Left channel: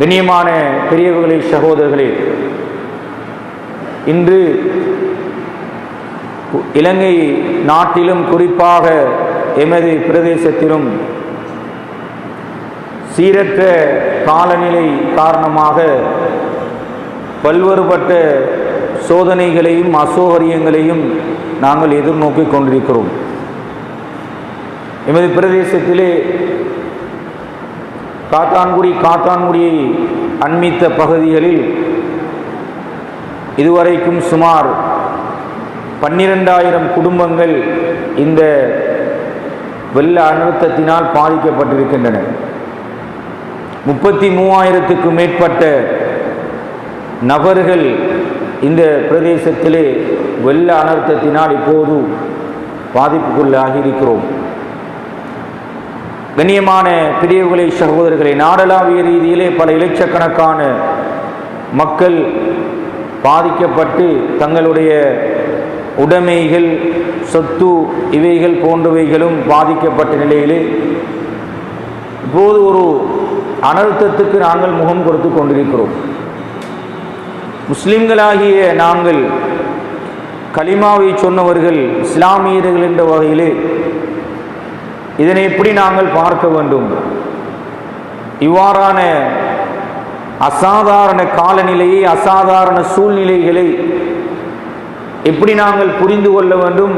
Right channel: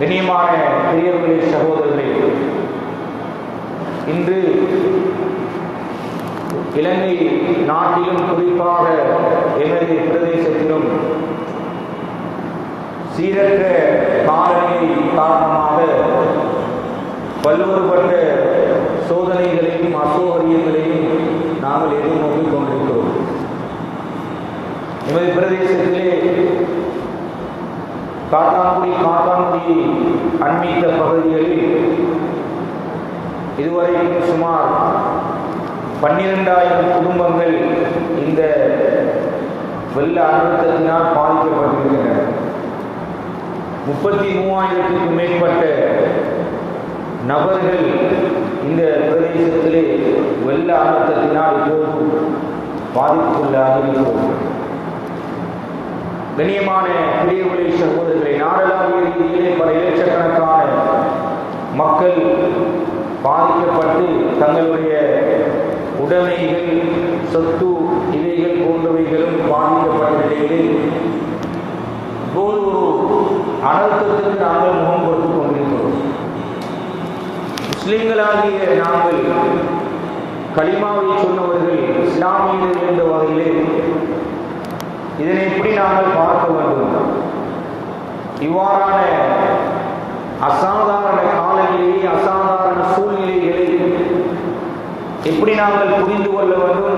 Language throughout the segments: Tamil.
கண்ணியமான பெரியவர்களே, சகோதரர்களே, இன்று இலங்கை நாட்டிலும் குறிப்பாக எமது பிரதேசத்திலும் சீரற்ற காலநிலை காரணமாக பல்வேறுபட்ட சோதனைகளையும் அசௌகரியங்களையும் நாங்கள் எதிர்நோக்கிக் கொண்டிருக்கிறோம். எமது பிரதேசத்திலே காத்தான்குடியை அண்மித்த பகுதிகளில் இதுவரைக்கும் சுமார் 12,000 குடும்பங்கள் இந்த வெள்ள அழுத்தத்தினால் பாதிக்கப்பட்டிருக்கின்றன. 33,000க்கும் மேற்பட்ட நபர்கள் இந்த பிரதேசத்திலே வெள்ள அழுத்தத்தினால் இப்போது பாதிப்புக்குள்ளாகி இருக்கிறோம். கண்ணியமான பெரியவர்களே, சகோதரர்களே, நாடளாவிய ரீதியிலே பல இலட்சக்கணக்கான மக்கள் பாதிக்கப்பட்டு தங்களுடைய உடைமைகள், சொத்து இவைகள் போன்றவைகளும் பாதிக்கப்பட்ட நிலையிலே இப்போது ஒரு அனர்த்தத்துக்கு நாங்கள் முகம் கொடுத்து கொண்டிருக்கிறோம். முஸ்லிம்களாகிய நாங்கள் கலிமாவை சொன்னவர்கள், இஸ்லாமியர்கள் என்ற வகையிலே இதனை எப்படி நாங்கள் பார்க்க வேண்டும்? இவ்வாறான அசாதாரண காலநிலையை, அசாதாரண சூழ்நிலைகளை எப்படி நாங்கள் புரிந்து கொள்ள வேண்டும்?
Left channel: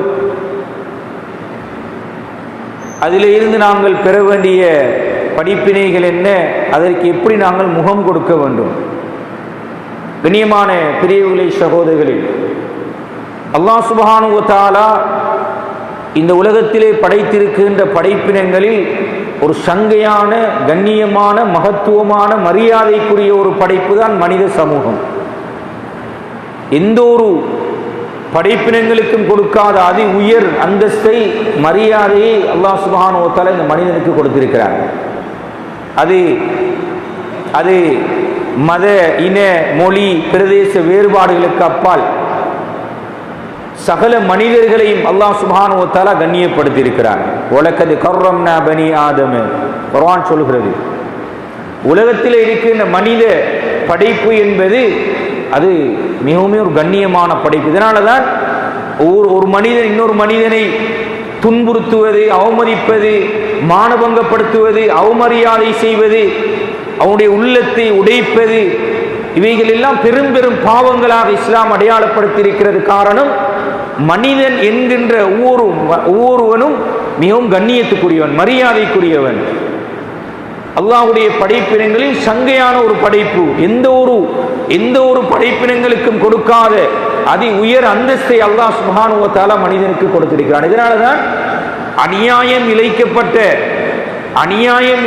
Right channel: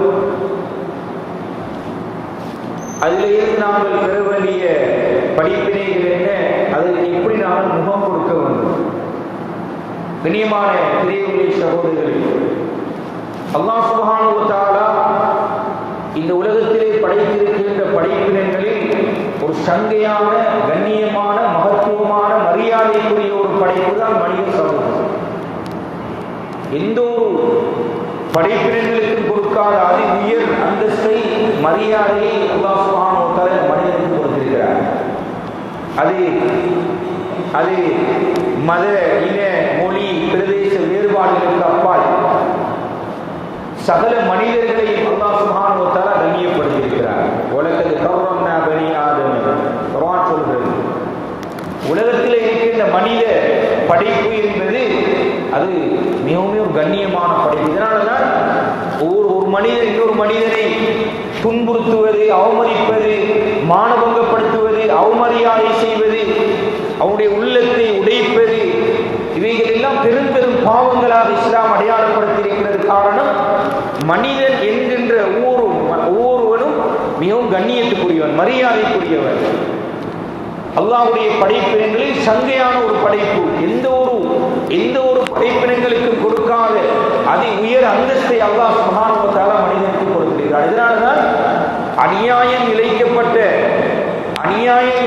அதிலிருந்து நாங்கள் பெற வேண்டிய படிப்பினைகள் என்ன? அதற்கு எப்படி நாங்கள் முகம் கொடுக்க வேண்டும்? கண்ணியமான பெரியவர்களே, சகோதரர்களே, அல்லாஹ் சுப்ஹானஹு வ தஆலா இந்த உலகத்திலே படைத்திருக்கின்ற படைப்பினங்களில் ஒரு சங்கையான, கண்ணியமான, மகத்துவமான, மரியாதைக்குரிய ஒரு படைப்பு தான் மனித சமூகம். எந்த ஒரு படைப்பினங்களுக்கும் கொடுக்காத அதி உயர் அந்தஸ்தை, மரியாதையை அல்லாஹ் சுப்ஹானஹு வ தஆலா இந்த மனிதனுக்கு கொடுத்திருக்கிறார். அது மத, இன, மொழி, பிரதேச வேறுபாடுகளுக்கு அப்பால் சகல மனிதர்களையும் அல்லாஹ் சுப்ஹானஹு வ தஆலா கண்ணியப்படுத்தி இருக்கிறார். வலகத் கர்ரம்னா பனி ஆதம், குர்ஆன் சொல்கிறது. உலகத்தில் இருக்கின்ற மனித படைப்பு என்பது அது மிகவும் ஒரு கண்ணியமான படைப்பு. இதனால தான் ஒரு மனிதன் இன்னொரு மனிதனை துன்புறுத்துவது, அவமதிப்பது, மானபங்கப்படுத்துவது, அவமரியாதை செய்வது, அவனுடைய உள்ளத்தை உடைப்பது, இவைகள் எல்லாம் பெரும் பெரும் பாவங்களாக இஸ்லாம் அடையாளப்படுத்தியிருக்கிறது. காரணம், மனிதன் என்கின்ற ஒவ்வொருவனும் மிகவும் கண்ணியத்துக்குரியவன், மரியாதைக்குரியவன். அல்லாஹ்வுடைய படைப்பினங்களில் சங்கையான ஒரு படைப்பு, எந்த ஒரு படைப்பினங்களுக்கும் கொடுக்காத அதி உயர் அந்தஸ்தை அல்லாஹ் சுப்ஹானஹு வ தஆலா மனிதனுக்கு கொடுத்திருக்கிறார். இதனால்தான் அநியாயம்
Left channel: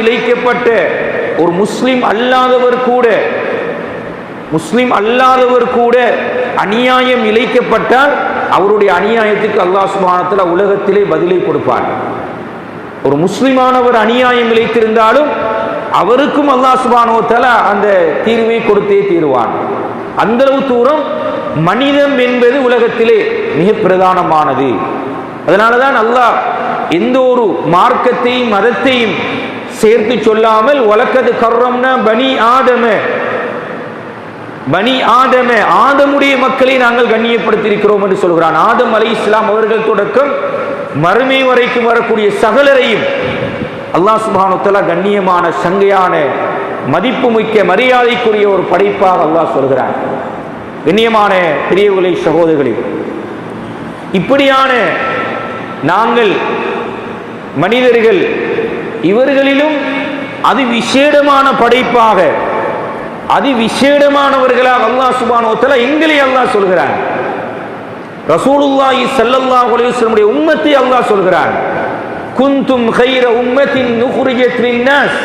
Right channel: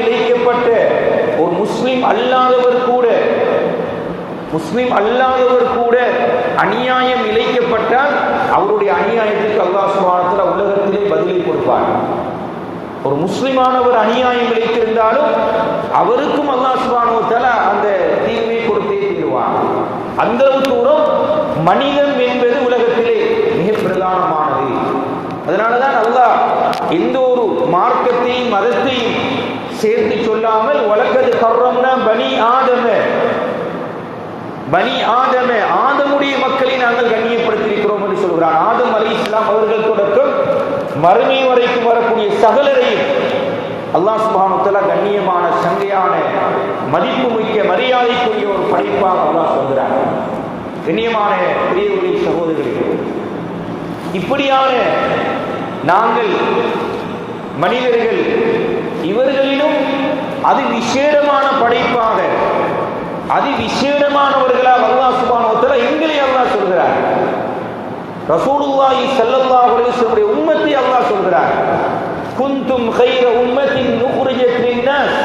இழைக்கப்பட்ட ஒரு முஸ்லிம் அல்லாதவர் கூட அநியாயம் இழைக்கப்பட்டால் அவருடைய அநியாயத்துக்கு அல்லாஹ் சுப்ஹானஹு வ தஆலா உலகத்திலே பதிலை கொடுப்பார். ஒரு முஸ்லிமானவர் அநியாயம் இழைத்திருந்தாலும் அவருக்கும் அல்லாஹ் சுப்ஹானஹு வ தஆலா அந்த தீர்வை கொடுத்தே தீருவான். அந்த தூரம் மனிதம் என்பது உலகத்திலே மிக பிரதானமானது. அதனாலதான் அல்லாஹ் எந்த ஒரு மார்க்கத்தையும் மதத்தையும் சேர்த்து சொல்லாமல் வலக்கது கர்ரம்னா பனி ஆதம, ஆதமுடைய மக்களை நாங்கள் கண்ணியப்படுத்தியிருக்கிறோம் என்று சொல்கிறான். ஆதம் அலைஹிஸ்ஸலாம் அவர்கள் தொடக்கம் மறுமை வரைக்கும் வரக்கூடிய சகலரையும் அல்லாஹ் சுப்ஹானஹு வ தஆலா கண்ணியமான, சங்கையான, மதிப்புமிக்க, மரியாதைக்குரிய ஒரு படைப்பாக அல்லாஹ் சொல்கிறார். கண்ணியமான பெரியவர்களே, சகோதரர்களே, இப்படியான நாங்கள் மனிதர்கள், இவர்களிலும் அது விசேடமான படைப்பாக, அதி விசேடமானவர்களாக அல்லாஹ் சுப்ஹானஹு வ தஆலா எங்களை அல்லாஹ் சொல்கிறார். ரசூலுல்லாஹி ஸல்லல்லாஹு அலைஹி வஸல்லம் உம்மத்தை அல்லாஹ் சொல்கிறார். குன்தும் கைர உம்மத்தின் நுக்ரிஜத் லின்னாஸ்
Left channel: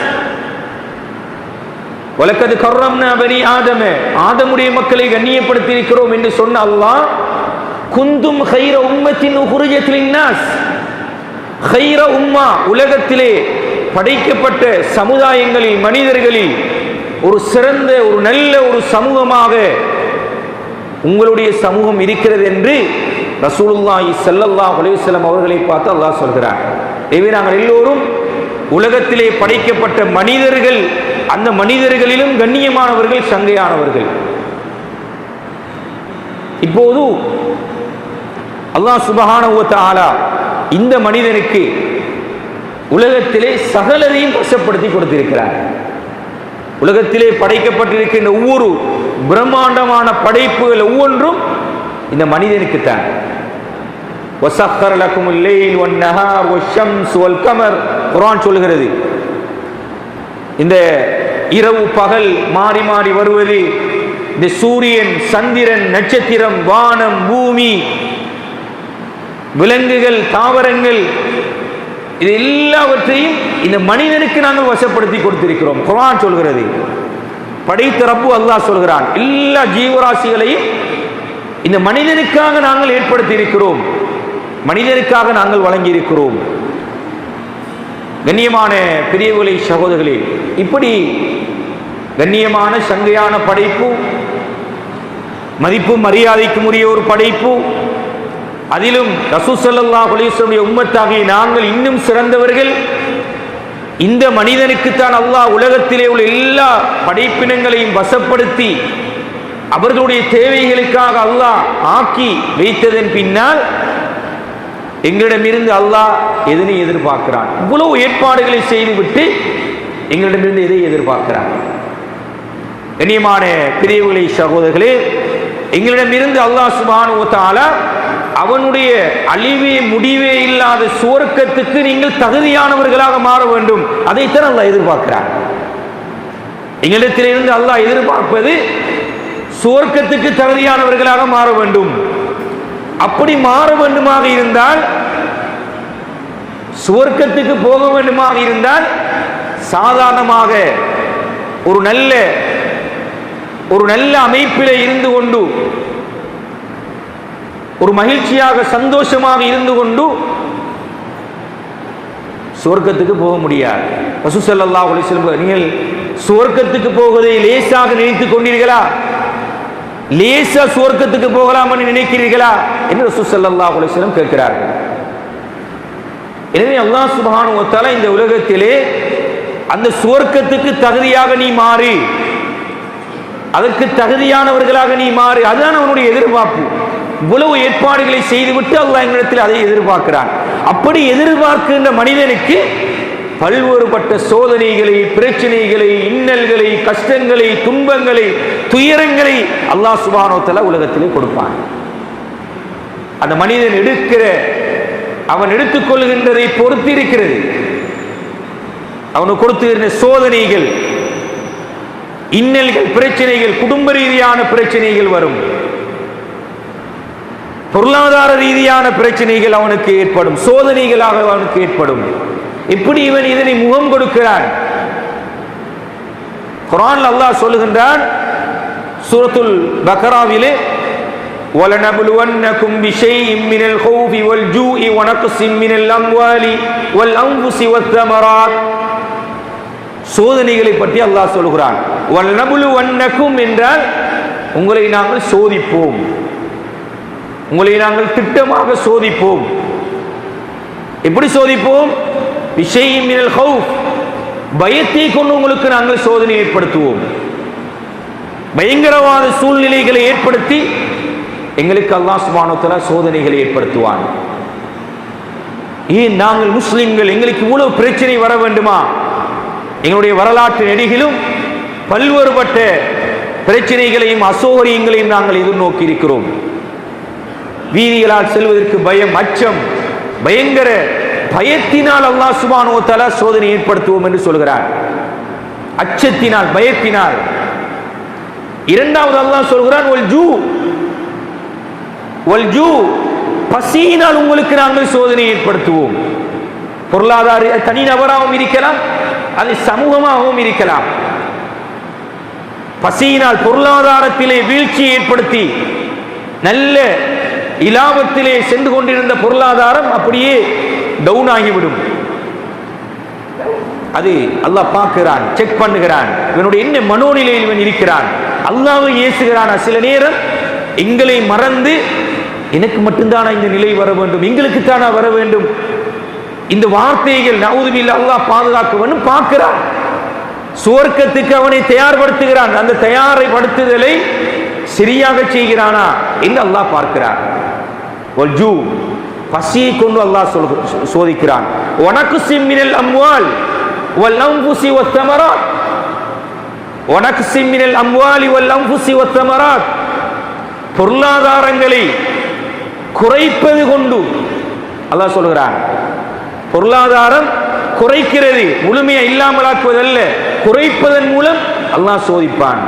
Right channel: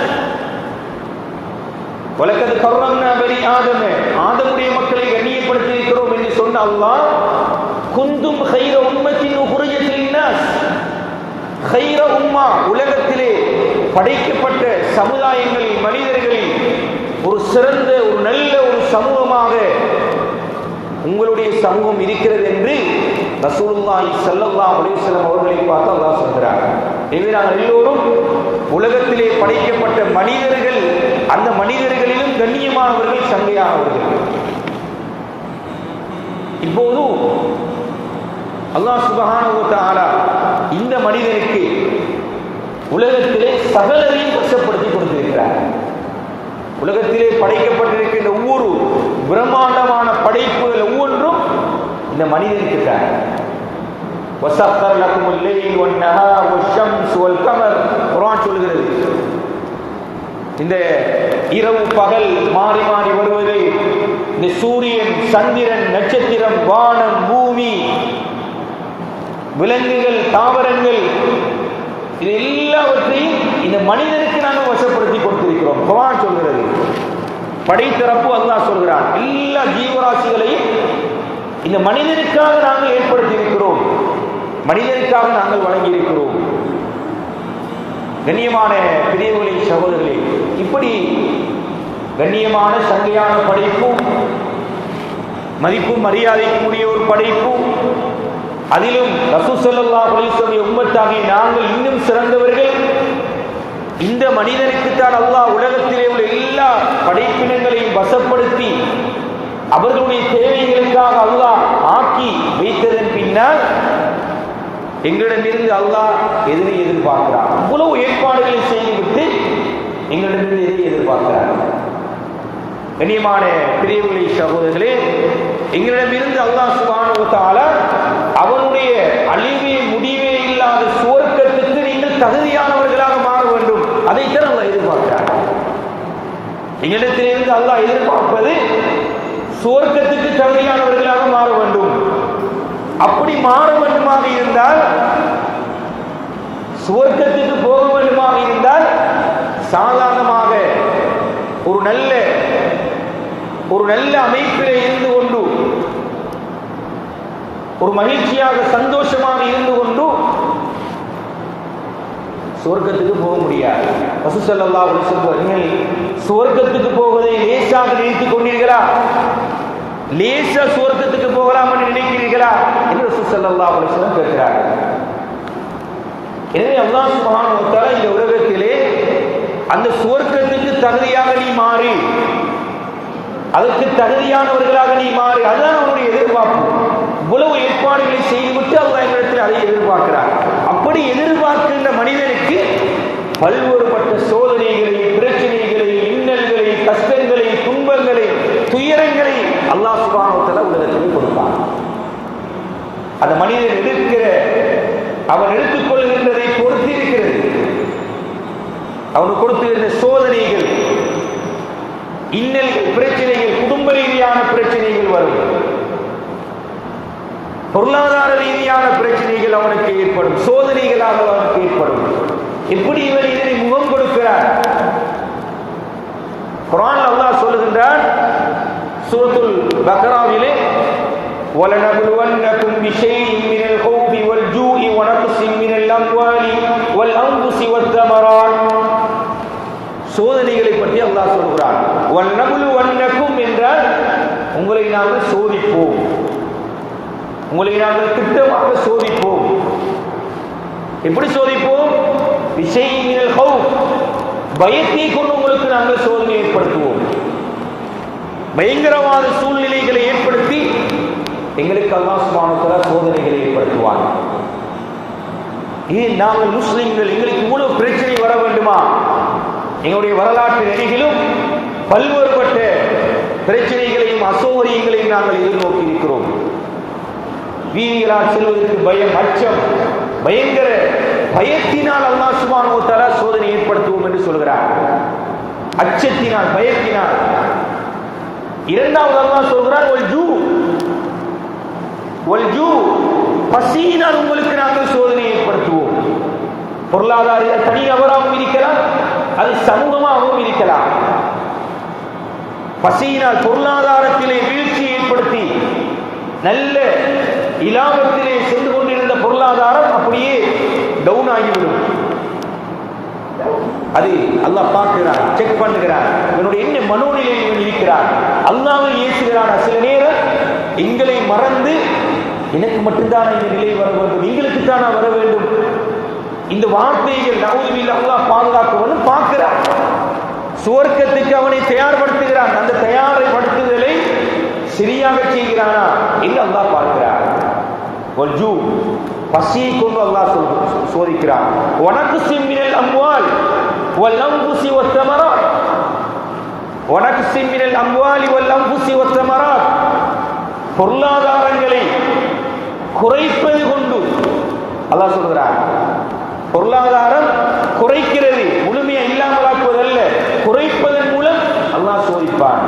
வலக்கத் கர்ரம்னா பனி ஆதம, ஆதமுடைய மக்களை கண்ணியப்படுத்தி இருக்கிறோம் என்று சொன்ன அல்லாஹ் குன்தும் கைர உம்மத்தின் நுக்ரிஜத் லின்னாஸ், கைர உம்மா, உலகத்திலே படைக்கப்பட்ட சமுதாயங்களில், மனிதர்களில் ஒரு சிறந்த, ஒரு நல்ல ஒரு சமூகமாக உங்களுடைய சமூகம் இருக்கிறது என்று ரசூலுல்லாஹி ஸல்லல்லாஹு அலைஹி வஸல்லம் அவர்களை பார்த்து அல்லாஹ் சொல்கிறார். எனவே நாங்கள் எல்லோரும் உலகத்திலே படைக்கப்பட்ட மனிதர்கள் அந்த மனிதர்களிலும் கண்ணியமானவர்கள், சங்கையானவர்கள். இப்போது அல்லாஹ் சுப்ஹானஹு வ தஆலா இந்த மனிதனுக்கு உலகத்திலே சகலதையும் வசப்படுத்தி கொடுத்திருக்கிறார். உலகத்திலே படைக்கப்பட்டிருக்கின்ற ஒவ்வொரு பிரம்மாண்டமான படைப்புகள் ஒவ்வொன்றும் இந்த மனிதனுக்குத்தான். வஸக்கர லகுமுல் லைல் வன் நஹார் வஷம்ஸ் வல் கமர், குர்ஆன் சொல்கிறது. இந்த இரவு பகல் மாறி மாறி வருவது, இந்த சூரியன், சந்திரன், நட்சத்திரம், வானம், பூமி, விலங்குகள், தாவரங்கள், இது எல்லாவற்றையும் இந்த மனிதனுக்கு நாங்கள் வசப்படுத்தி கொடுத்திருக்கிறோம். குர்ஆன் சொல்கிறது. படைத்த ரப்பு அல்லாஹ் சொல்கிறான், எல்லா ஜீவராசிகளையும் இந்த மனிதனுக்காக நாங்கள் ஏற்படுத்தி இருக்கிறோம், மனிதனுக்காக நாங்கள் வழங்கி இருக்கிறோம். கண்ணியமான பெரியவர்களே, சகோதரர்களே, இப்படி கண்ணியமான சங்கையான படைப்பு, மதிப்பும் மரியாதைக்கும் உரிய ஒரு படைப்பு, அதிலும் ரசூல் ஸல்லல்லாஹு அலைஹி வஸல்லம் உம்மத்தாகிய நாங்கள் இன்னும் சிறந்தவர்கள். இந்த மனிதனுக்குத்தான் அல்லாஹ் உலகத்திலே உள்ள எல்லா படைப்பினங்களையும் வசப்படுத்தி அவர்களுடைய தேவைகளுக்காக அல்லாஹ் ஆக்கி வைத்ததன் பின்னால் எங்களிடமிருந்து அல்லாஹ் எதனை எதிர்பார்க்கிறான்? இவ்வளவு ஏற்பாடுகளை செய்துவிட்டு எங்களிடமிருந்து எதை எதிர்பார்க்கிறான்? கண்ணியமான பெரியவர்களே, சகோதரர்களே, எங்களிடமிருந்து அல்லாஹ் சுப்ஹானஹு வ தஆலா அவனுடைய அழிவே முடிவே இல்லாத சுவர்க்கத்துக்கு நீங்கள் தகுதியானவர்களாக மாற வேண்டும். அதைத்தான் அல்லாஹ் எதிர்பார்க்கிறார். எங்களிடத்திலிருந்து அல்லாஹ் எதிர்பார்ப்பது சுவர்க்கத்துக்கு தகுதியானவர்களாக மாற வேண்டும். அப்படி மாற வேண்டுமாக இருந்தால், சுவர்க்கத்துக்கு போக வேண்டுமாக இருந்தால், சாதாரணமாக ஒரு நல்ல அமைப்பில் இருந்து கொண்டு, ஒரு மகிழ்ச்சியாக சந்தோஷமாக இருந்து கொண்டு சுவர்க்கத்துக்கு போக முடியாது. ரசூல் ஸல்லல்லாஹு அலைஹி வஸல்லம், நீங்கள் சுவர்க்கத்துக்கு போவதை லேசாக நினைத்துக் கொண்டீர்களா? லேசா சுவர்க்கத்துக்கு போகலாம் என்று நினைக்கிறீர்களா என்று ரசூல் ஸல்லல்லாஹு அலைஹி வஸல்லம் கேட்கிறார். எனவே அல்லாஹ் சுப்ஹானஹு வ தஆலா இந்த உலகத்திலே அந்த சுவர்க்கத்துக்கு தகுதியாக நீ மாறி, அதற்கு தகுதியானவர்களாக நீ மாறி, அதுதான் அவனுடைய எதிர்பார்ப்பு. இவ்வளவு ஏற்பாடுகளை செய்துவிட்டு அல்லாஹ் எங்களிடத்தில் அதை எதிர்பார்க்கிறார். அப்படி எதிர்பார்க்கின்ற மனிதனுக்கு பல்வேறுபட்ட சோதனைகளை, பிரச்சனைகளை, இன்னல்களை, கஷ்டங்களை, துன்பங்களை, துயரங்களை அல்லாஹ் சுப்ஹானஹு வ தஆலா உலகத்திலே கொடுப்பான். அந்த மனிதன் அவன் எடுத்துக்கொள்கின்றதை பொறுத்து இருக்கிறது. அவனுக்கு கொடுத்துகின்ற சோதனைகள், இன்னல்கள், பிரச்சனைகள், குடும்ப ரீதியான பிரச்சனைகள் வரும், பொருளாதார ரீதியான பிரச்சனைகள் அவனுக்கு ஏற்படும், சோதனைகளாக அவனுக்கு ஏற்படும். எப்படி இவன் இதனை முகம் கொடுக்கிறான்? குர்ஆன்ல அல்லாஹ் சொல்லுகின்றான், சூரத்துல் பக்ராவிலே, وَلَنَبْلُوَنَّكُمْ بِشَيْءٍ مِّنَ الْخَوْفِ وَالْجُوعِ وَنَقْصٍ مِّنَ الْأَمْوَالِ وَالْأَنفُسِ وَالثَّمَرَاتِ. சோதனைகளை பற்றி அல்லாஹ் சொல்கிறான். وَلَنَبْلُوَنَّكُمْ என்றால் உங்களை நாங்கள் சோதிப்போம், உங்களை நாங்கள் திட்டமாக சோதிப்போம். எப்படி சோதிப்போம்? பிஷைஇன் மினல் ஹவுஃப், பயத்தை கொண்டு உங்களுக்கு நாங்கள் சோதனை ஏற்படுத்துவோம். பயங்கரவாத சூழ்நிலைகளை ஏற்படுத்தி எங்களுக்கு அல்லாஹ் சுப்ஹானஹு வ தஆலா சோதனைகளை ஏற்படுத்துவான். ஏன் நாங்கள் முஸ்லிம்கள், எங்களுக்கு இவ்வளவு பிரச்சனை வர வேண்டுமா? எங்களுடைய வரலாற்று நெடுகிலும் பல்வேறுபட்ட பிரச்சனைகளையும் அசௌகரியங்களையும் நாங்கள் எதிர்நோக்கி இருக்கிறோம். வீதிகளால் செல்வதற்கு பயம், அச்சம், பயங்கர பயத்தினால் அல்லாஹ் சுப்ஹானஹு வ தஆலா சோதனை ஏற்படுத்துவோம் என்று சொல்கிறார். அச்சத்தினால், பயத்தினால். இரண்டாவது அல்லாஹ் சொல்கிறான், வல்ஜூ, பசியினால் உங்களுக்கு நாங்கள் சோதனை ஏற்படுத்துவோம். பொருளாதார தனிநபராகவும் இருக்கலாம், அது சமூகமாகவும் இருக்கலாம். பசியினால் பொருளாதாரத்திலே வீழ்ச்சியை ஏற்படுத்தி நல்ல இலாபத்திலே சென்று கொண்டிருந்த பொருளாதாரம் அப்படியே டவுன் ஆகிவிடும். அது அல்லாஹ் பார்க்கிறான், செக் பண்ணுகிறான், இவனுடைய என்ன மனோநிலையில் இவன் இருக்கிறான். அல்லாஹ்வை ஏசுகிறான். சில நேரம் எங்களை மறந்து, எனக்கு மட்டும்தானா இந்த நிலை வர வேண்டும், எங்களுக்கு தானா வர வேண்டும், இந்த வார்த்தைகள் நவுது பில்லாஹ் அல்லாஹ் பாதுகாக்க வேண்டும் பார்க்கிறான். சுவர்க்கத்துக்கு அவனை தயார்படுத்துகிறான். அந்த தயார்படுத்துதலை சரியாக செய்கிறானா என்று அல்லாஹ் பார்க்கிறான். பசியை கொண்டு அல்லாஹ் சோதிக்கிறான். உனக்கு சிம்மினல் அம்வால் வல் அன்ஃபுஸி வத்தமராத், உனக்கு சிம்மினல் அம்வாலி வல் அன்ஃபுஸி வத்தமராத், பொருளாதாரங்களை குறைப்பது கொண்டு அல்லாஹ் சொல்கிறான். பொருளாதாரம் குறைக்கிறது, முழுமையா இல்லாமலாக்குவதல்ல, குறைப்பதன் மூலம் அல்லாஹ் சோதிப்பான்.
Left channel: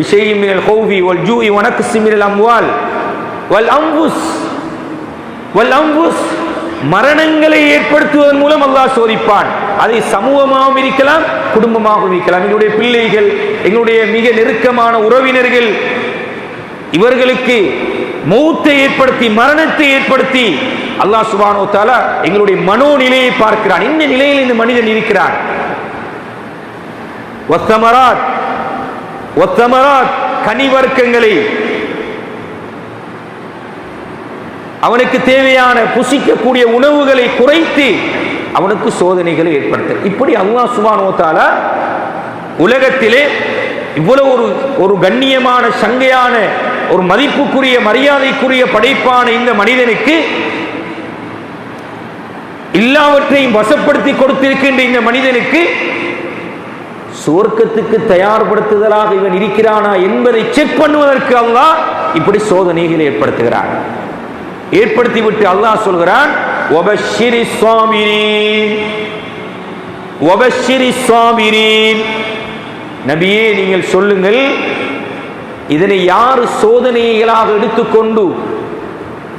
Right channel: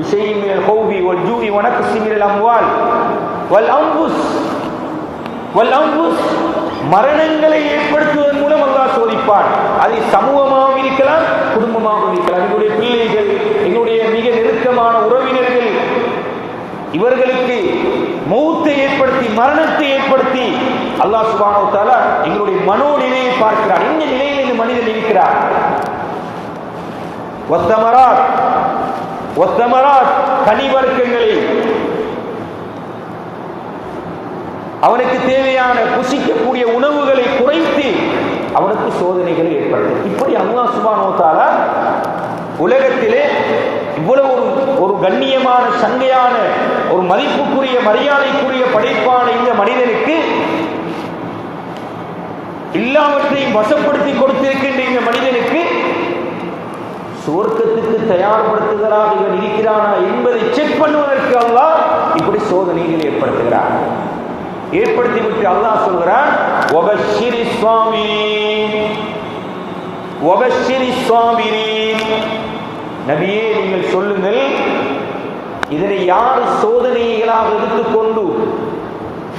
விஷயம் மினல் ஹௌஃபி வல் ஜூஇ வனக்ஸி மினல் அம்வால் வல் அன்ஃபுஸ், மரணங்களை ஏற்படுத்துவதன் மூலம் அல்லாஹ் சோதிப்பான். அதை சமூகமாகவும் இருக்கலாம், குடும்பமாகவும் இருக்கலாம். எங்களுடைய பிள்ளைகள், எங்களுடைய மிக நெருக்கமான உறவினர்கள், இவர்களுக்கு மௌத்தை ஏற்படுத்தி, மரணத்தை ஏற்படுத்தி அல்லாஹ் சுப்ஹானஹு வ தஆலா எங்களுடைய மனோநிலையை பார்க்கிறான். இந்த நிலையில் இந்த மனிதன் இருக்கிறான். வத்தமராத், கனிவர்க்கங்களை, அவனுக்கு தேவையான புசிக்கக்கூடிய உணவுகளை குறைத்து அவனுக்கு சோதனைகளை ஏற்படுத்த. இப்படி அல்லாஹ் சுப்ஹானஹு வ தஆலா உலகத்திலே இவ்வளவு ஒரு கண்ணியமான, சங்கையான, ஒரு மதிப்புக்குரிய, மரியாதைக்குரிய படைப்பான இந்த மனிதனுக்கு எல்லாவற்றையும் வசப்படுத்தி கொடுத்திருக்கின்ற இந்த மனிதனுக்கு சுவர்க்கத்துக்கு தயார்படுத்துதலாக இவன் இருக்கிறானா என்பதை செக் பண்ணுவதற்கு அல்லாஹ் இப்படி சோதனைகளை ஏற்படுத்துகிறார். ஏற்படுத்திவிட்டு அல்லாஹ் சொல்கிறான், நபியே நீங்கள் சொல்லுங்கள், இதனை யார் சோதனைகளாக எடுத்துக்கொண்டு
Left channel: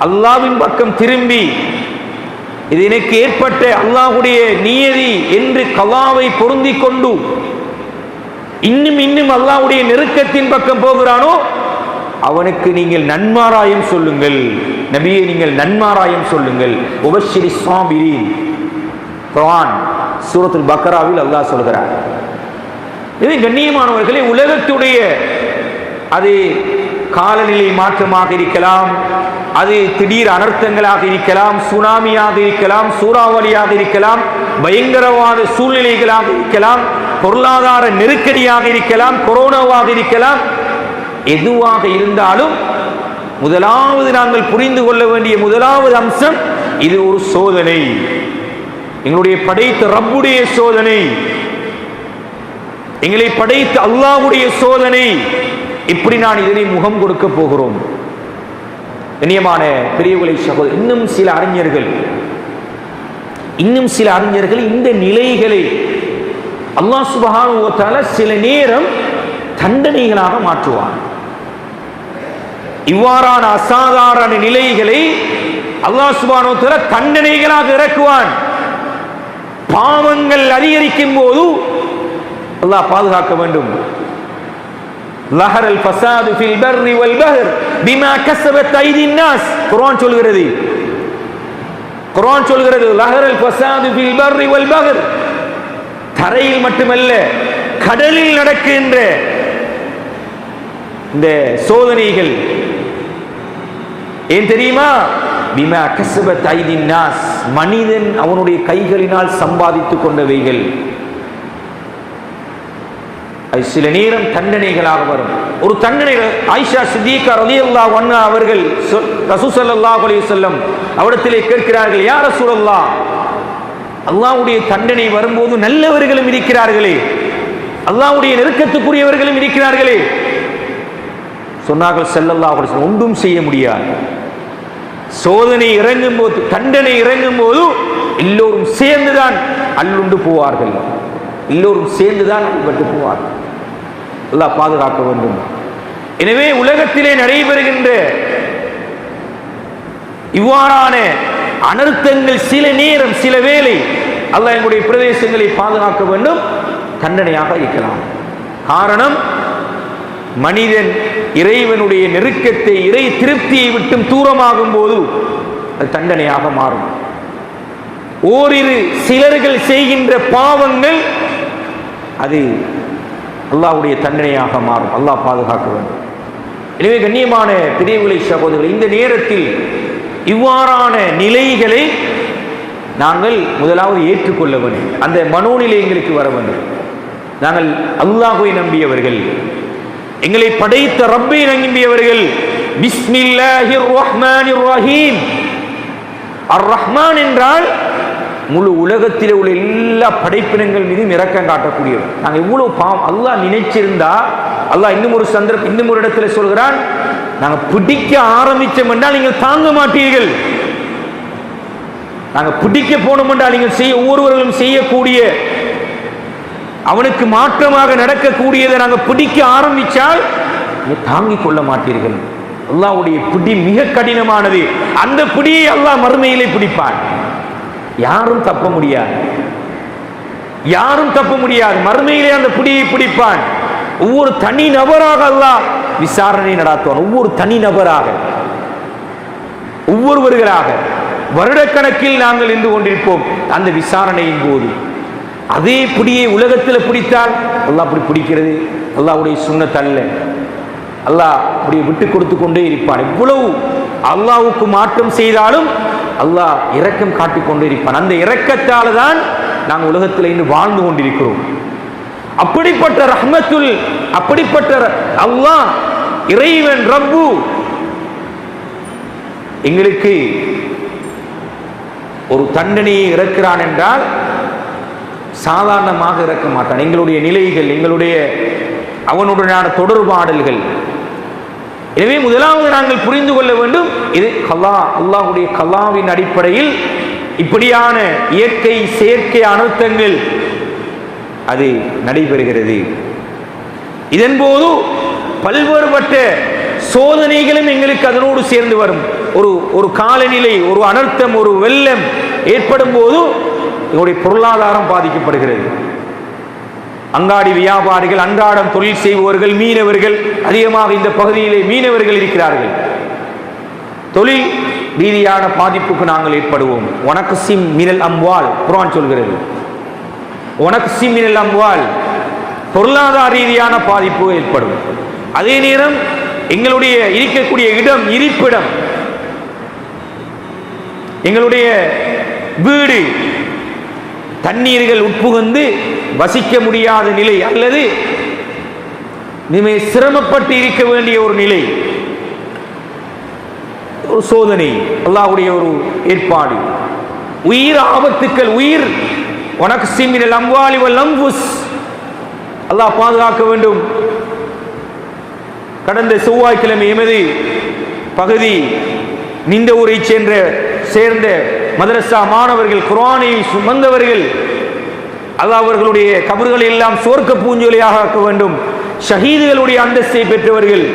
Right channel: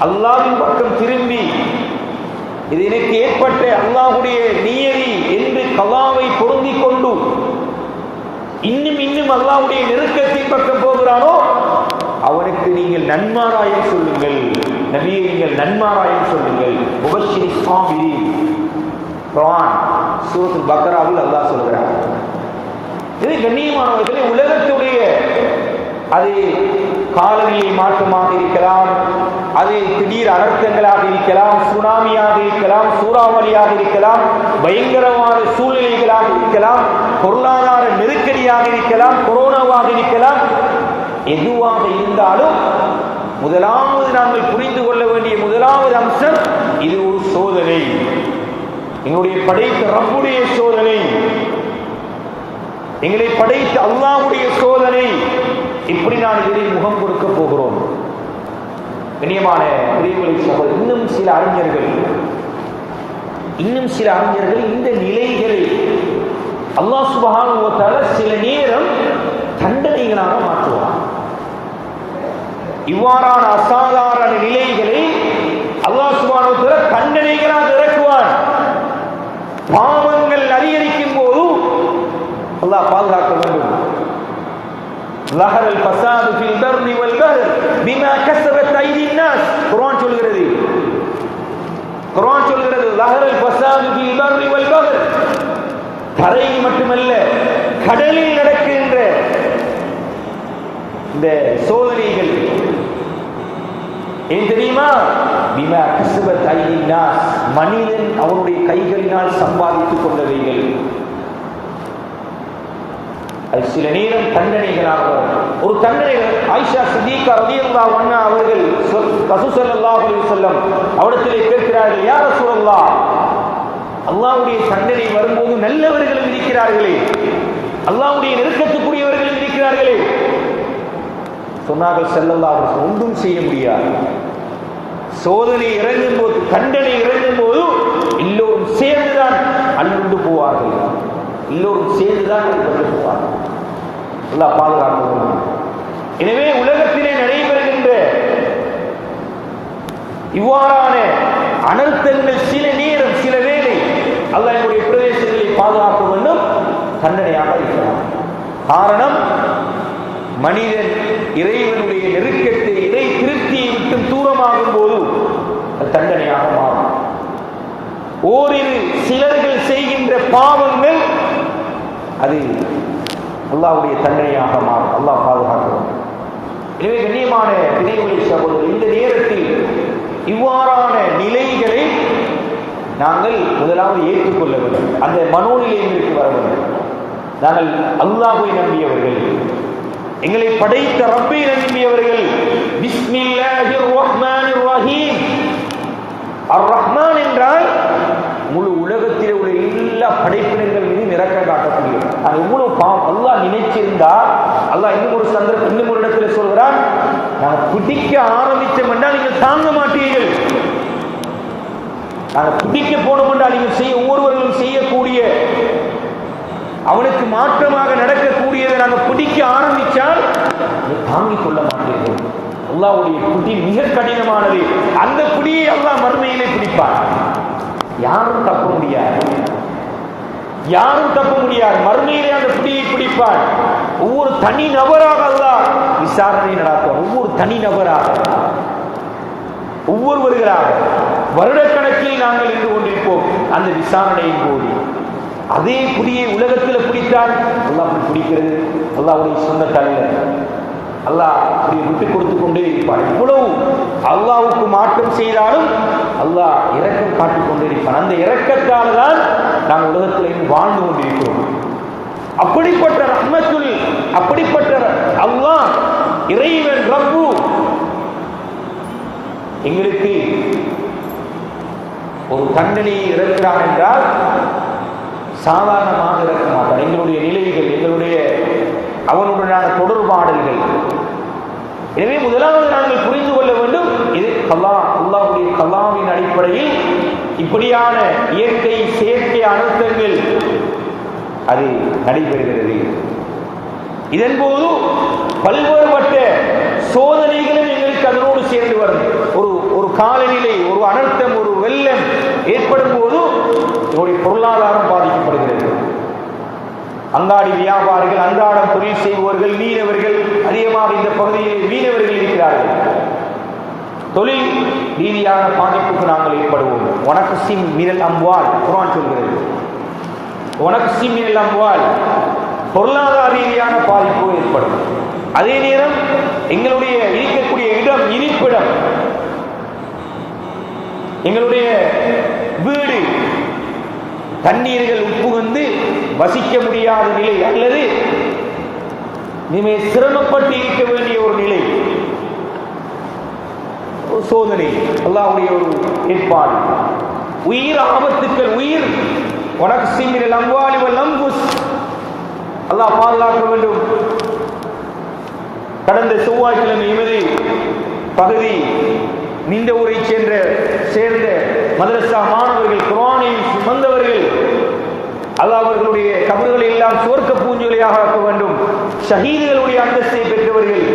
அல்லாஹ்வின் பக்கம் திரும்பி இது எனக்கு ஏற்பட்ட அல்லாஹ்வுடைய நியதி என்று கலாவை பொருந்திக் கொண்டு இன்னும் இன்னும் அல்லாஹ்வுடைய நெருக்கத்தின் பக்கம் போகிறானோ அவனுக்கு நீங்கள் நன்மாராயம் சொல்லுங்கள். நபியே நீங்கள் நன்மாராயம் சொல்லுங்கள். உபஷிரி ஸாபிரீன், குர்ஆன் சூரத்துல் பக்ராவில் அல்லாஹ் சொல்கிறார். இவை கண்ணியமானவர்களே, உலகத்துடைய அது காலநிலை மாற்றமாக இருக்கலாம், அது திடீர் அனர்த்தங்களாக இருக்கலாம், சுனாமியாக இருக்கலாம், சூறாவளியாக இருக்கலாம், பயங்கரவாத சூழ்நிலைகளாக இருக்கலாம், பொருளாதார நெருக்கடியாக இருக்கலாம், கொரோனாவாக இருக்கலாம், எதுவாக இருந்தாலும் முதலாவது நாங்கள் புரிந்து கொள்ள வேண்டிய முதலாவது அம்சம், இது ஒரு சோதனை, எங்களுடைய படைத்த ரப்புடைய சோதனை, எங்களை படைத்த அல்லாஹ்வுடைய சோதனை. இப்படி நான் இதனை முகம் கொடுக்க போகிறோம். கண்ணியமான பெரியவர்களை சகோதரர், இன்னும் சில அறிஞர்கள் இந்த நிலைகளை அல்லாஹ் சுப்ஹானஹு வ தஆலா சில நேரம் தண்டனைகளாக மாற்றுவார். இவ்வாறான அசாதாரண நிலைகளை அல்லாஹ் சுப்ஹானஹு வ தஆலா தண்டனைகளாக இறக்குவான். பாவங்கள் அதிகரிக்கும் போது அல்லாஹ் பாதுகாக்க வேண்டும். லஹரல் ஃபஸாது ஃபில் பர்ரி வல் பஹர் பிமா கஸபத் ஐதின் நாஸ், குர்ஆன் சொல்கிறது லஹரல் ஃபஸாது ஃபில் பர்ரி வல் பஹர், தரையில் மட்டுமல்ல கடலில் நடக்கின்ற இந்த சோதனைகள் ஏன் தெரியுமா? பிமா கஸபத் ஐதின் நாஸ், மனிதன் அவனுடைய கைகளினால் சம்பாதித்துக் கொண்டவைகள். சில நேரம் தண்டனைகளாக வரும். ஒரு தண்டனை, ஆயிஷா சித்திகா ரலியல்லாஹு அன்ஹா அவர்கள் ரசூல் ஸல்லல்லாஹு அலைஹி வஸல்லம் அவரிடத்திலே கேட்கிறார்கள், யா ரசூலல்லாஹ், அல்லாஹ்வுடைய தண்டனை வரும்போது நல்லவர்களும் இருக்கிறார்களே, அல்லாஹ்வுடைய நெருக்கத்துக்குரியவர்களும் இருக்கிறார்களே. சொன்னார்கள் ஸல்லல்லாஹு அலைஹி வஸல்லம், ஒன்றும் செய்ய முடியாது. சோதனை இறங்கும் போது, தண்டனை இறங்கும் போது எல்லோரும் சேர்ந்துதான் அள்ளுண்டு போவார்கள், எல்லோரும் சேர்ந்துதான் விட்டு போவார்கள். அல்லாஹ் பாதுகாக்க வேண்டும். எனவே உலகத்திலே நடைபெறுகின்ற இவ்வாறான அனர்த்தங்கள் சில நேரம், சில வேளை அல்லாஹ் எங்களுடைய பிரதேசங்களை பாதுகாக்க வேண்டும், தண்டனையாக இருக்கலாம். காரணம், மனிதன் இறைவனுடைய நெருக்கத்தை, இறை திருப்தியை விட்டு தூரமாகும் போது அது தண்டனையாக மாறும். ஓரிரு சிலர்கள் செய்கின்ற பாவங்கள் அது அல்லாஹ்வுடைய தண்டனையாக மாறும். அல்லாஹ் பாதுகாக்க வேண்டும். எனவே கண்ணியமான பெரியவர்களை சகோதரர்கள், இந்த நேரத்தில் இவ்வாறான நிலைகளை நாங்கள் முதலாவது ஏற்றுக்கொள்ள வேண்டும். அந்த மனோநிலை எங்களுக்கு வர வேண்டும். நாங்கள் அல்லாஹ்வை நம்பியவர்கள், எங்களை படைத்த ரப்பை நம்பியவர்கள். பிஸ்மில்லாஹிர் ரஹ்மானிர் ரஹீம். அர் ரஹ்மான் என்றால் முழு உலகத்தில் உள்ள எல்லா படைப்பினங்கள் மீதும் இரக்கம் காட்டக்கூடியவர். நாங்கள் இவ்வளவு அல்லாஹ் நினைச்சிருந்தா, அல்லாஹ் இன்னும் ஒரு இடத்துல சொல்கிறான், நாங்கள் பிடிக்க ஆரம்பிச்சோம் என்றால் நீங்கள் தாங்க மாட்டீர்கள். நாங்கள் பிடிக்க போனோம் என்றால் நீங்கள் ஒவ்வொருவர்களும் செய்யக்கூடிய அவனுக்கு மாற்றமாக நடக்கக்கூடியதை நாங்கள் பிடிக்க ஆரம்பித்தால் தாங்கிக் கொள்ள மாட்டீர்கள். அல்லாஹ்வுடைய பிடி மிக கடினமானது. அந்த பிடியை அல்லாஹ் மறுமையிலே பிடிப்பார். யாரும் தப்ப முடியாது, யாரும் தப்ப முடியாது. மறுமையிலே அந்த பிடியை பிடிப்பான். ஒவ்வொரு தனி நபராக அல்லாஹ் விசாரணை நடத்துவார். ஒவ்வொரு தனி நபராக, ஒவ்வொருவர்களாக வருடக்கணக்கில் நாங்கள் நின்று கொண்டிருப்போம். அந்த விசாரணையின் போது அதே பிடியை உலகத்தில் பிடித்தால் அல்லாஹ் அப்படி பிடிக்கிறது அல்லாஹ்வுடைய சுன்னத் அல்ல. அல்லாஹ் அப்படி விட்டு கொடுத்து கொண்டே இருப்பான். இவ்வளவு அல்லாஹ்வுக்கு மாற்றம் செய்தாலும் அல்லாஹ் இரக்கம் காட்டிக் கொண்டே இருப்பான். அந்த இரக்கத்தால் தான் நாங்கள் உலகத்தில் இன்று வாழ்ந்து கொண்டிருக்கிறோம். அப்படிப்பட்ட ரஹ்மத்துல், அப்படிப்பட்ட அல்லாஹ் இறைவன் ரப்பு எங்களுக்கு ஒரு தண்டனையை இறக்கிறான் என்றால் சாதாரணமாக இறக்க மாட்டான். எங்களுடைய நிலைகள், எங்களுடைய அவனுடனான தொடர்பாடல்கள். எனவே முதலாவது நாங்கள் புரிந்து கொள்ள வேண்டும், இது அல்லாஹ்வுடைய கலாவின் அடிப்படையில் இப்படியான இயற்கை செயற்கை அனர்த்தங்கள் அது நடைபெறுகிறது. இதன் போது பல்வேறுபட்ட சோதனைகளும் எங்களுக்கு அதனோடு சேர்ந்து வரும். ஒரு காலநிலை, ஒரு அனர்த்தம், ஒரு வெள்ளம் ஏற்படும் போது இதனுடைய பொருளாதாரம் பாதிக்கப்படுகிறது. அங்காடி வியாபாரிகள், அன்றாடம் தொழில் செய்பவர்கள், மீனவர்கள், அதிகமாக இந்த பகுதியிலே மீனவர்கள் இருக்கிறார்கள். தொழில் ரீதியான பாதிப்புக்கு நாங்கள் ஏற்படுவோம். வனக்சிம் மினல் அம்வால், குர்ஆன் சொல்கிறது. வனக்சிம் மினல் அம்வால், பொருளாதார ரீதியான பாதிப்பு ஏற்படும். அதே நேரம் எங்களுடைய இருக்கக்கூடிய இடம், இருப்பிடம், எங்களுடைய வீடு, தண்ணீர்கள் உட்புகுந்து வசிக்க முடியாத நிலை அல்லது மிக சிரமப்பட்டு இருக்க வேண்டிய ஒரு நிலை, ஒரு சோதனை, அல்லாஹ்வுடைய ஒரு ஏற்பாடு. உயிர் ஆபத்துக்கள், உயிர் வனக்சிம் மினல் அம்வாலி வல் அன்ஃபுஸ், அல்லாஹ் பாதுகாக்க வேண்டும். கடந்த செவ்வாய்க்கிழமை எமது பகுதி நிந்தவூரை சேர்ந்த மதரசா மாணவர்கள், குர்ஆனை சுமந்தவர்கள், அல்லாஹ் அவர்களுடைய கபர்களை எல்லாம் சொர்க்க பூஞ்சொலியாக ஆக்க வேண்டும். ஷஹீதுகளுடைய அந்தஸ்தை பெற்றவர்கள்.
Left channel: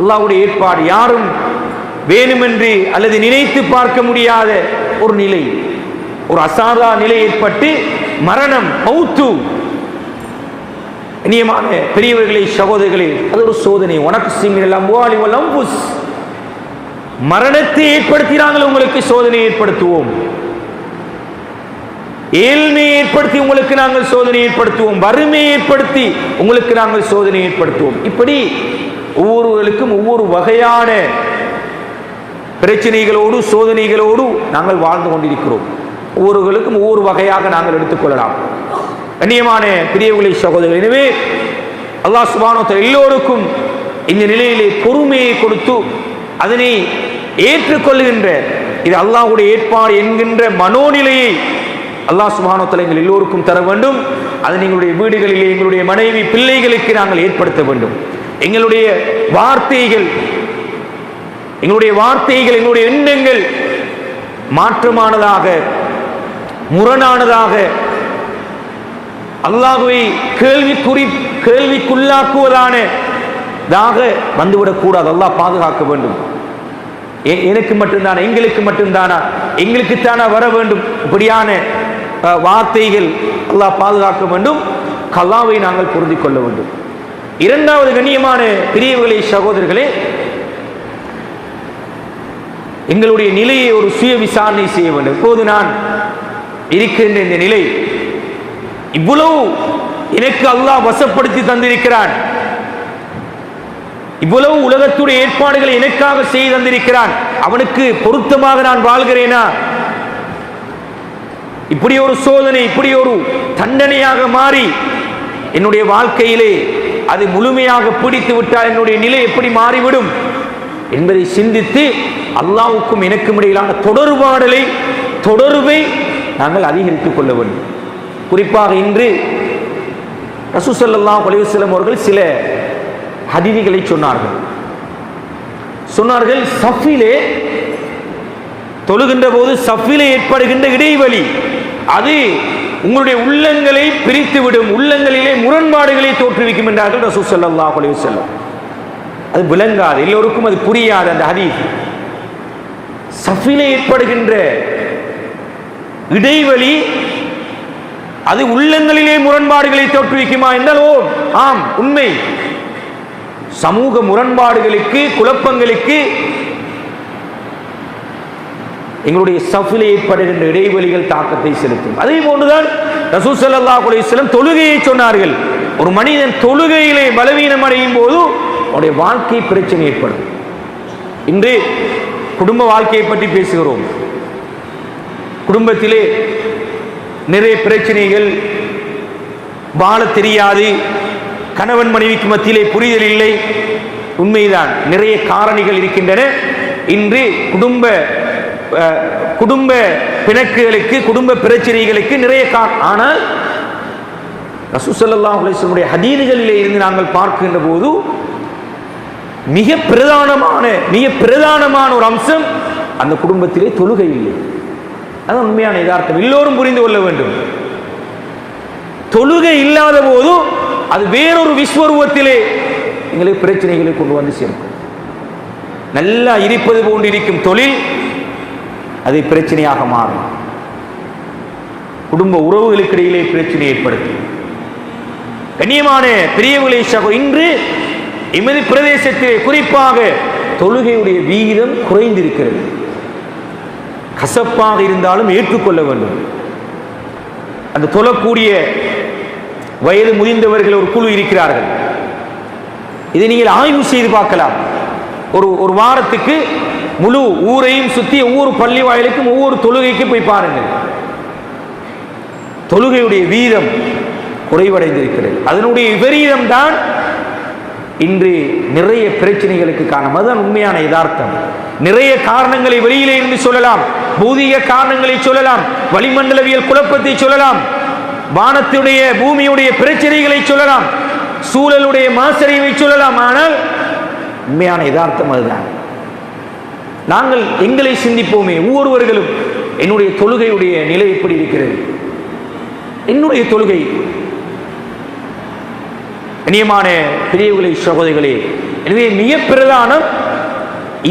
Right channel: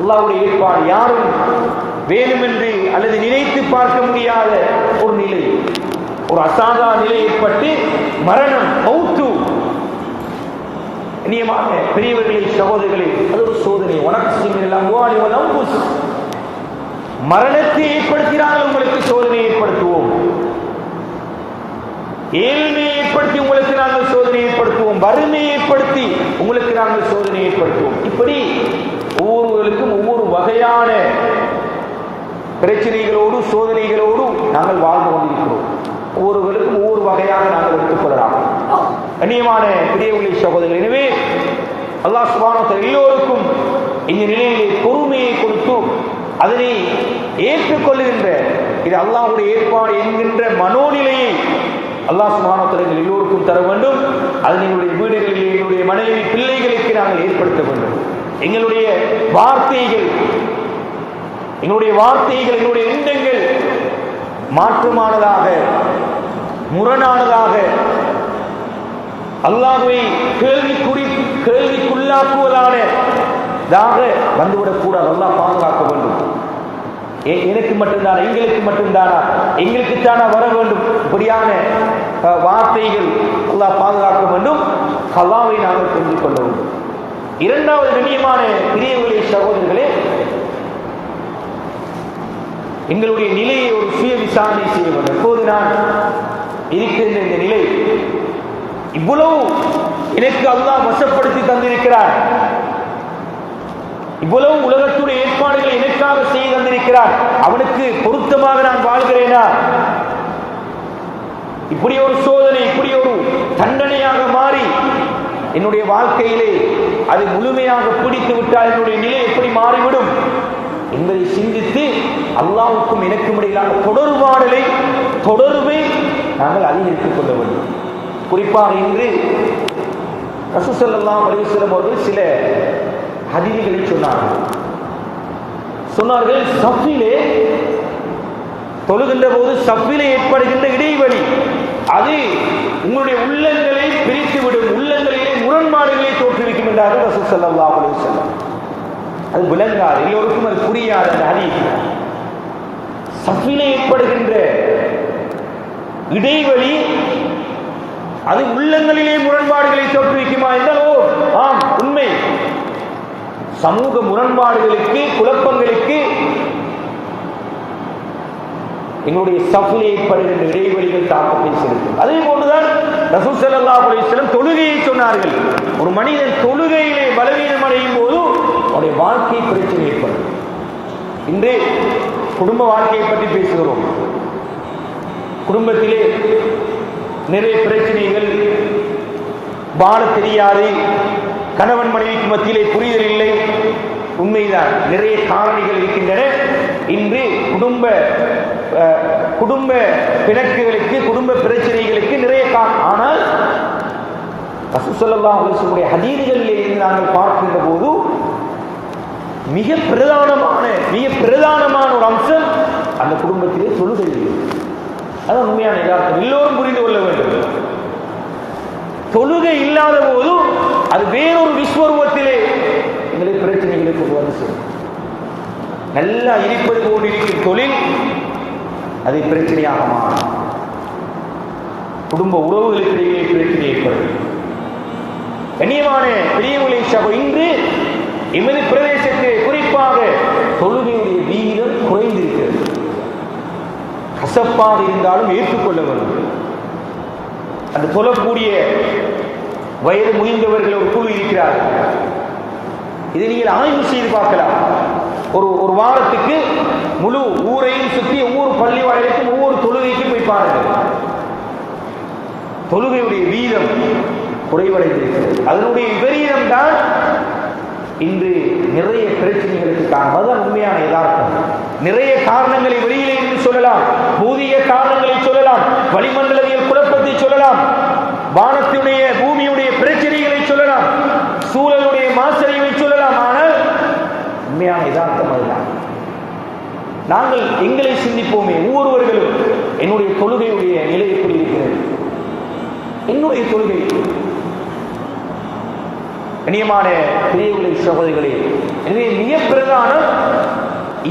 அல்லாஹ்வுடைய ஏற்பாடு. யாரும் வேணுமென்று அல்லது நினைத்து பார்க்க முடியாத ஒரு நிலை, ஒரு அசாதா நிலை ஏற்பட்டு மரணம், மௌத்து. இனியமான பெரியவர்களே, சகோதரர்களே, அது ஒரு சோதனை. வனக்சிம் மினல் அம்வாலி வல் அன்ஃபுஸ், மரணத்தை ஏற்படுத்தினாங்கள் உங்களுக்கு சோதனை ஏற்படுத்துவோம். ஏழ்மையை ஏற்படுத்தி உங்களுக்கு நாங்கள் சோதனை ஏற்படுத்துவோம். வறுமையை ஏற்படுத்தி உங்களுக்கு நாங்கள் சோதனை ஏற்படுத்துவோம். இப்படி ஒவ்வொருவருக்கும் ஒவ்வொரு வகையான பிரச்சனைகளோடு சோதனைகளோடு நாங்கள் வாழ்ந்து கொண்டிருக்கிறோம். ஒவ்வொருவருக்கும் ஒவ்வொரு வகையாக நாங்கள் எடுத்துக்கொள்ளலாம். கண்ணியமான பெரியவர்களே, சகோதரர்கள், எனவே அல்லாஹ் சுப்ஹானஹு வ தஆலா எல்லோருக்கும் இந்த நிலையிலே பொறுமையை கொடுத்து அதனை ஏற்றுக்கொள்கின்ற, இது அல்லாஹ்வுடைய ஏற்பாடு என்கின்ற மனோநிலையை அல்லாஹ் சுப்ஹானஹு வ தஆலா எங்கள் எல்லோருக்கும் தர வேண்டும். அது எங்களுடைய வீடுகளிலே, எங்களுடைய மனைவி பிள்ளைகளுக்கு நாங்கள் ஏற்படுத்த வேண்டும். எங்களுடைய வார்த்தைகள், எங்களுடைய எண்ணங்கள் மாற்றமானதாக, முரணானதாக, அல்லாஹ்வை கேள்விக்குள்ளாக்குவதானதாக வந்துவிடக்கூடாது. அல்லாஹ் பாதுகாக்க வேண்டும். எனக்கு மட்டும்தானா, எங்களுக்கு மட்டும்தானா, எங்களுக்குத்தானா வர வேண்டும், இப்படியான வார்த்தைகள் அல்லாஹ் பாதுகாக்க வேண்டும். கல்லாவை நாங்கள் புரிந்து கொள்ள வேண்டும். இரண்டாவது, கண்ணியமான பெரியவர்களே, சகோதரர்களே, எங்களுடைய நிலையை ஒரு சுய விசாரணை செய்ய வேண்டும். இப்போது நான் இருக்கின்ற இந்த நிலை, இவ்வளவு எனக்கு அல்லாஹ் வசப்படுத்தி தந்திருக்கிறான், இவ்வளவு உலகத்துடைய ஏற்பாடுகளை எனக்காக செய்து தந்திருக்கிறான், அவனுக்கு பொருத்தமாக நான் வாழ்கிறேனா? இப்படி ஒரு சோதனை, இப்படி ஒரு தண்டனையாக மாறி என்னுடைய வாழ்க்கையிலே அது முழுமையாக பிடித்து விட்டால் என்னுடைய நிலை எப்படி மாறிவிடும் என்பதை சிந்தித்து அல்லாஹ்வுக்கும் எனக்கும் இடையிலான தொடர்பை நாங்கள் அதிகரித்துக் கொள்ள வேண்டும். குறிப்பாக இன்று ரசூல் ஸல்லல்லாஹு அலைஹி வஸல்லம் அவர்கள் சில ஹதீஸ்களை சொன்னார்கள். சஃபிலே தொழுகின்ற போது சஃபிலே ஏற்படுகின்ற இடைவெளி அது உங்களுடைய உள்ளங்களை பிரித்துவிடும், உள்ளங்களிலே முரண்பாடுகளை தோற்றுவிக்கும் என்றார்கள் ரசூல் ஸல்லல்லாஹு அலைஹி வஸல்லம். அது விளங்காது, எல்லோருக்கும் அது புரியாது. அந்த ஹதீஸ் சஃபிலே ஏற்படுகின்ற இடைவெளி அது உள்ளங்களிலே முரண்பாடுகளை தோற்றுவிக்குமா என்றாலோ ஆம், உண்மை. சமூக முரண்பாடுகளுக்கு, குழப்பங்களுக்கு எங்களுடைய சஃபிலே ஏற்படுகின்ற இடைவெளிகள் தாக்கத்தை செலுத்தும். அதே போன்றுதான் ரசூல் ஸல்லல்லாஹு அலைஹி வஸல்லம் தொழுகையை சொன்னார்கள். ஒரு மனிதன் தொழுகையிலே பலவீனம் அடையும் போது அவருடைய வாழ்க்கை பிரச்சனை ஏற்படும். இன்று குடும்ப வாழ்க்கையை பற்றி பேசுகிறோம். குடும்பத்திலே நிறைய பிரச்சனைகள், வாழ தெரியாது, கணவன் மனைவிக்கு மத்தியிலே புரிதல் இல்லை. உண்மைதான், நிறைய காரணிகள் இருக்கின்றன. இன்று குடும்ப பிணக்குகளுக்கு, குடும்ப பிரச்சனைகளுக்கு நிறைய ஆனால் ரசூல் ஸல்லல்லாஹு அலைஹி வஸல்லம் ஹதீஸ்களிலே இருந்து நாங்கள் பார்க்கின்ற போது மிக பிரதானமான ஒரு அம்சம் அந்த குடும்பத்திலே தொழுகை இல்லை. அது உண்மையான யதார்த்தம், எல்லோரும் புரிந்து கொள்ள வேண்டும். தொழுகை இல்லாத போது அது வேறொரு விஸ்வரூபத்திலே எங்களுக்கு பிரச்சனைகளை கொண்டு வந்து சேரும். நல்லா இருப்பது போன்று இருக்கும் தொழில் அது பிரச்சனையாக மாறும். குடும்ப உறவுகளுக்கு இடையிலே பிரச்சனை ஏற்படும். கண்ணியமான பெரியவர்களை இன்று எமது பிரதேசத்திலே குறிப்பாக தொழுகையுடைய வீதம் குறைந்திருக்கிறது. கசப்பாக இருந்தாலும் ஏற்றுக்கொள்ள வேண்டும். அந்த தொழக்கூடிய வயது முதிர்ந்தவர்கள் ஒரு குழு இருக்கிறார்கள். இதை நீங்கள் ஆய்வு செய்து பார்க்கலாம். ஒரு வாரத்துக்கு முழு ஊரையும் சுற்றி ஒவ்வொரு பள்ளி வாயிலுக்கும் ஒவ்வொரு தொழுகைக்கும் போய் பாருங்கள். தொழுகையுடைய வீதம் குறைவடைந்திருக்கிறது. அதனுடைய விபரீதம் தான் இன்று நிறைய பிரச்சனைகளுக்கு காரணம். அதுதான் உண்மையான யதார்த்தம். நிறைய காரணங்களை வெளியிலே இருந்து சொல்லலாம், பூதிக காரணங்களை சொல்லலாம், வளிமண்டலவியல் குழப்பத்தை சொல்லலாம், வானத்துடைய பூமியுடைய பிரச்சனைகளை சொல்லலாம், சூழலுடைய மாசறிவை சொல்லலாம். ஆனால் உண்மையான யதார்த்தம் அதுதான். நாங்கள் எங்களை சிந்திப்போமே, ஒவ்வொருவர்களும் என்னுடைய தொழுகையுடைய நிலை எப்படி இருக்கிறது, என்னுடைய தொழுகை. கண்ணியமான பெரியவர்களே, சகோதரிகளே, எனவே மிக பிரதானம்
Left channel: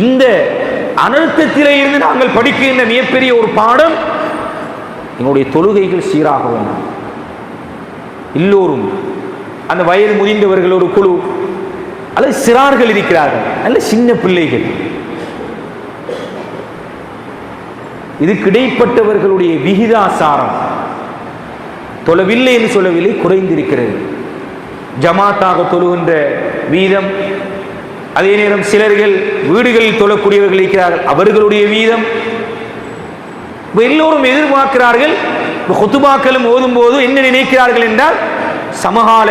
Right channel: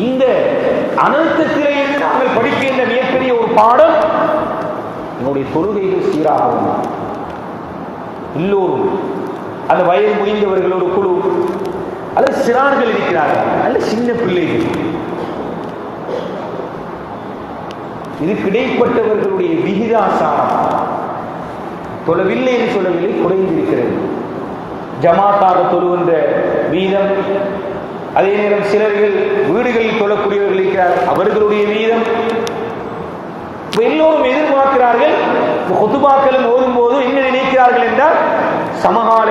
இந்த அனர்த்தத்திலே இருந்து நாங்கள் படிக்கின்ற மிகப்பெரிய ஒரு பாடம், எங்களுடைய தொழுகைகள் சீராகவும். எல்லோரும் அந்த வயது முதிர்ந்தவர்கள் ஒரு குழு அல்லது சிறார்கள் இருக்கிறார்கள், நல்ல சின்ன பிள்ளைகள், இதுக்கு இடைப்பட்டவர்களுடைய விகிதாசாரம் தொழவில்லை என்று சொல்லவில்லை, குறைந்திருக்கிறது. ஜமாத்தாக தொழுகின்ற வீதம், அதே நேரம் சிலர்கள் வீடுகளில் தொழக்கூடியவர்கள் இருக்கிறார்கள், அவர்களுடைய வீதம். எல்லோரும் எதிர்பார்க்கிறார்கள். ஹுதுபாக்களும் ஓதும் போது என்ன நினைக்கிறார்கள் என்றால் சமகால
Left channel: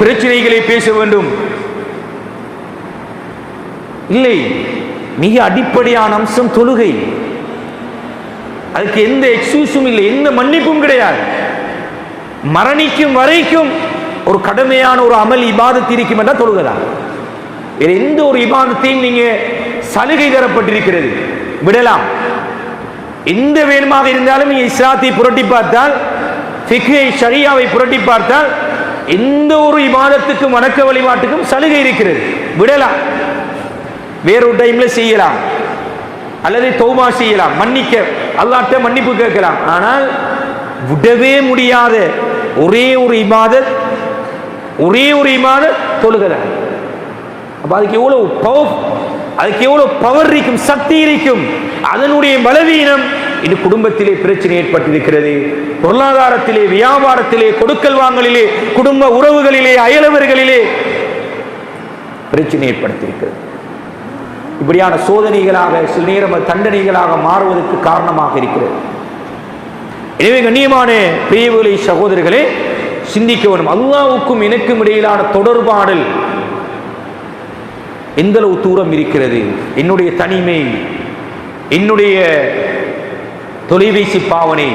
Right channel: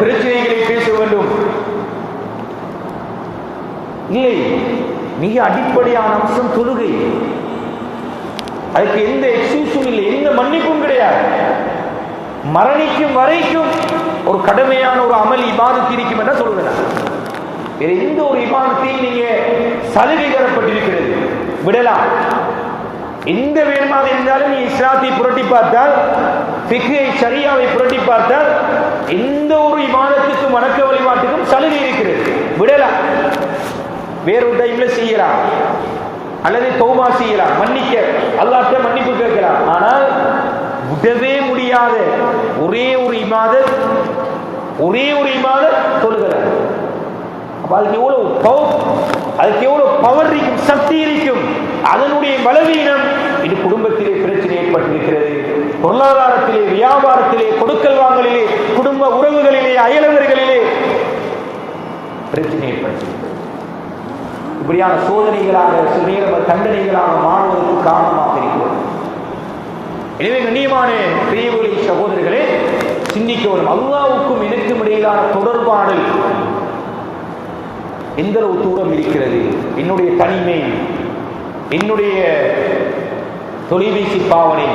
பிரச்சனைகளை பேச வேண்டும். இல்லை, மிக அடிப்படையான அம்சம் தொழுகை. அதுக்கு எந்த எக்ஸ்கியூஸும் இல்லை, எந்த மன்னிப்பும் கிடையாது. மரணிக்கும் வரைக்கும் ஒரு கடுமையான ஒரு அமல் இபாதத் இருக்கும் என்றால் தொழுகிறா. வேற எந்த ஒரு இபாதத்தையும் நீங்க சலுகை தரப்பட்டிருக்கிறது விடலாம். எந்த வேணுமாக இருந்தாலும் நீங்க இஸ்லாத்தை புரட்டி பார்த்தால், ஃபிக்ஹை ஷரியாவை புரட்டி பார்த்தால், எந்த ஒரு இபாதத்துக்கும் வணக்க வழிபாட்டுக்கும் சலுகை இருக்கிறது, விடலாம். வேறொரு டைம்ல செய்யலாம், அல்லது தௌபா செய்யலாம், மன்னிக்க அல்லாஹ்ட்ட மன்னிப்பு கேட்கலாம். ஆனால் விடவே முடியாத ஒரே ஒரு இபாதத் தொழுகிறது. அப்ப அதுக்கு எவ்வளவு பவர் இருக்கும், சக்தி இருக்கும். அதனுடைய பலவீனம் இது குடும்பத்திலே பிரச்சனை ஏற்பட்டிருக்கிறது. பொருளாதாரத்திலே, வியாபாரத்திலே, கொடுக்கல் வாங்கலிலே, குடும்ப உறவுகளிலே, அயலவர்களிலே பிரச்சனை ஏற்படுத்தியிருக்கிறது. இப்படியான சோதனைகளாக சில நேரம் தண்டனைகளாக மாறுவதற்கு காரணமாக இருக்கிறது. எனவே கண்ணியமான பெரியவர்களே, சகோதரர்களே, சிந்திக்க வரும். அல்லாஹ்வுக்கும் எனக்கும் இடையிலான தொடர்பாடல் எந்த அளவு தூரம் இருக்கிறது? என்னுடைய தனிமை, என்னுடைய தொலைபேசி பாவனை,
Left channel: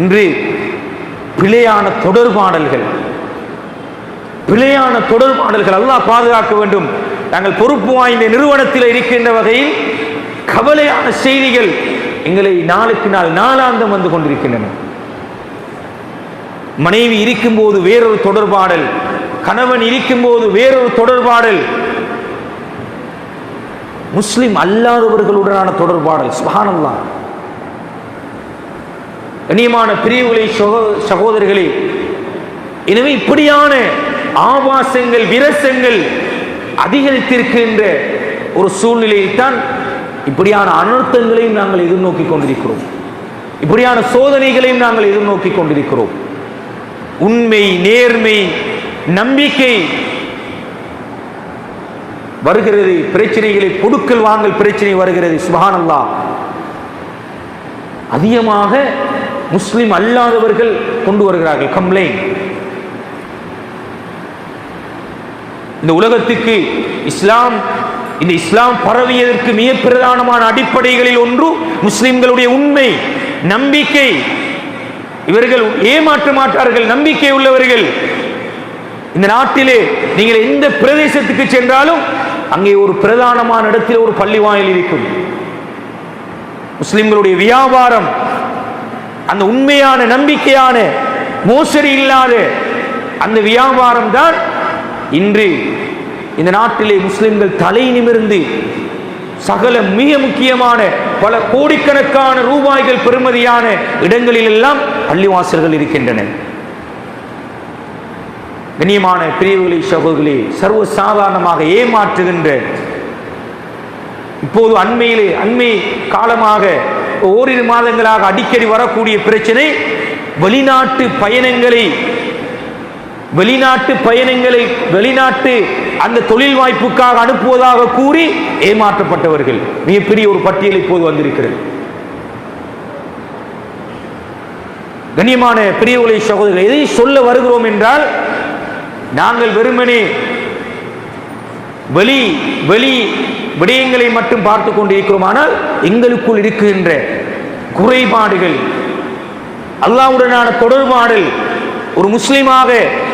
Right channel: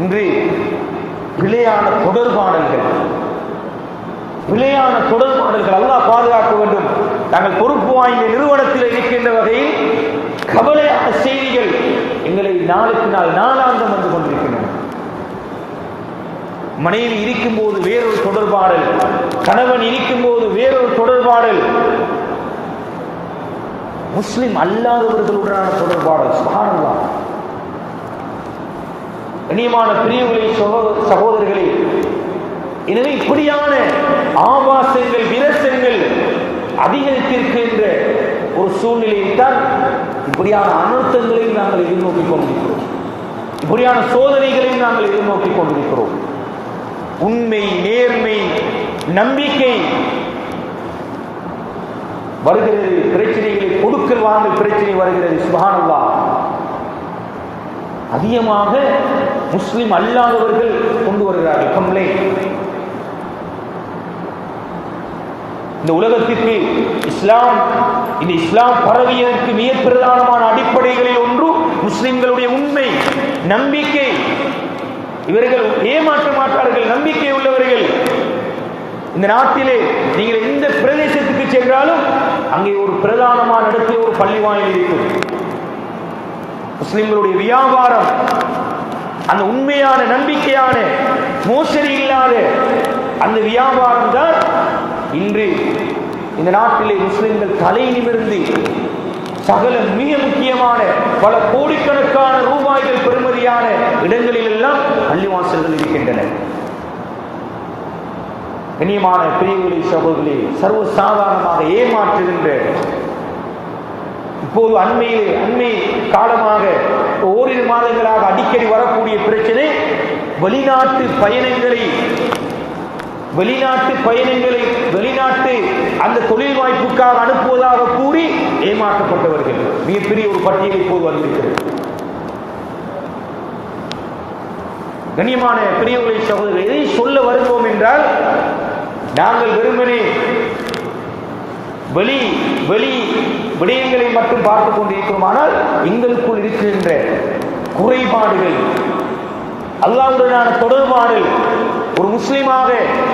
இன்று பிழையான தொடர்பாடல்கள் அல்லாஹ் பாதுகாக்க வேண்டும். நாங்கள் பொறுப்பு வாய்ந்த நிறுவனத்தில் இருக்கின்ற வகையில் கவலையான செய்திகள் எங்களை நாளுக்கு நாள் நாளாந்தம் வந்து கொண்டிருக்கின்றன. மனைவி இருக்கும் போது வேறொரு தொடர்பாடல், கணவன் இருக்கும் போது வேறொரு தொடர்பாடல், முஸ்லிம் அல்லாதவர்களுடனான தொடர்பாடல். சுப்ஹானல்லாஹ். கண்ணியமான பிரிவுகளை சகோதரர்களே, எனவே இப்படியான ஆபாசங்கள், விரசங்கள் அதிகரித்திருக்கின்ற ஒரு சூழ்நிலையில் தான் இப்படியான அனர்த்தங்களையும் நாங்கள் எதிர்நோக்கி கொண்டிருக்கிறோம். இப்படியான சோதனைகளையும் நாங்கள் எதிர்நோக்கி கொண்டிருக்கிறோம். உண்மை, நேர்மை, நம்பிக்கை வருகிறது. பிரச்சனைகளை கொடுக்கல் வாங்கல் பிரச்சனை வருகிறது. சுப்ஹானல்லாஹ். அதிகமாக முஸ்லிம் அல்லாதவர்கள் கொண்டு வருகிறார்கள் கம்ப்ளைண்ட். இந்த உலகத்துக்கு இந்த இஸ்லாம் பரவியதற்கு மிக பிரதானமான அடிப்படைகளில் ஒன்று முஸ்லிம்களுடைய உண்மை, நம்பிக்கை. இவர்கள் ஏமாற்ற மாட்டார்கள், நம்பிக்கை உள்ளவர்கள். இந்த நாட்டிலே நீங்கள் எந்த பிரதேசத்துக்கு சென்றாலும் அங்கே ஒரு பிரதானமான இடத்தில் ஒரு பள்ளி வாயில் இருக்கும். முஸ்லிம்களுடைய வியாபாரம், அந்த உண்மையான நம்பிக்கையான மோசடி இல்லாத அந்த வியாபாரம் தான் இன்று இந்த நாட்டிலே முஸ்லிம்கள் தலை நிமிர்ந்து சகல மிக முக்கியமான பல கோடிக்கணக்கான ரூபாய்கள் பெறுமதியான இடங்களில் எல்லாம் பள்ளிவாசல்கள் இருக்கின்றன. கண்ணியமான பிரிவுகளை சகோதரர்களே, சர்வ சாதாரணமாக ஏமாற்றுகின்ற, இப்போது அண்மை காலமாக ஓரிரு மாதங்களாக அடிக்கடி வரக்கூடிய பிரச்சனை, வெளிநாட்டு வெளிநாட்டு அந்த தொழில் வாய்ப்புக்காக அனுப்புவதாக கூறி ஏமாற்றப்பட்டவர்கள் மிகப்பெரிய ஒரு பட்டியல் இப்போது வந்திருக்கிறது. கண்ணியமான பிரியவுகளை சகோதரர்கள், எதை சொல்ல வருகிறோம் என்றால், நாங்கள் வெறுமனே வெளி விடயங்களை மட்டும் பார்த்துக் கொண்டிருக்கிறோம். ஆனால் எங்களுக்குள் இருக்கின்ற குறைபாடுகள், அல்லாஹ்வுடனான தொடர்பாடல், ஒரு முஸ்லிமாக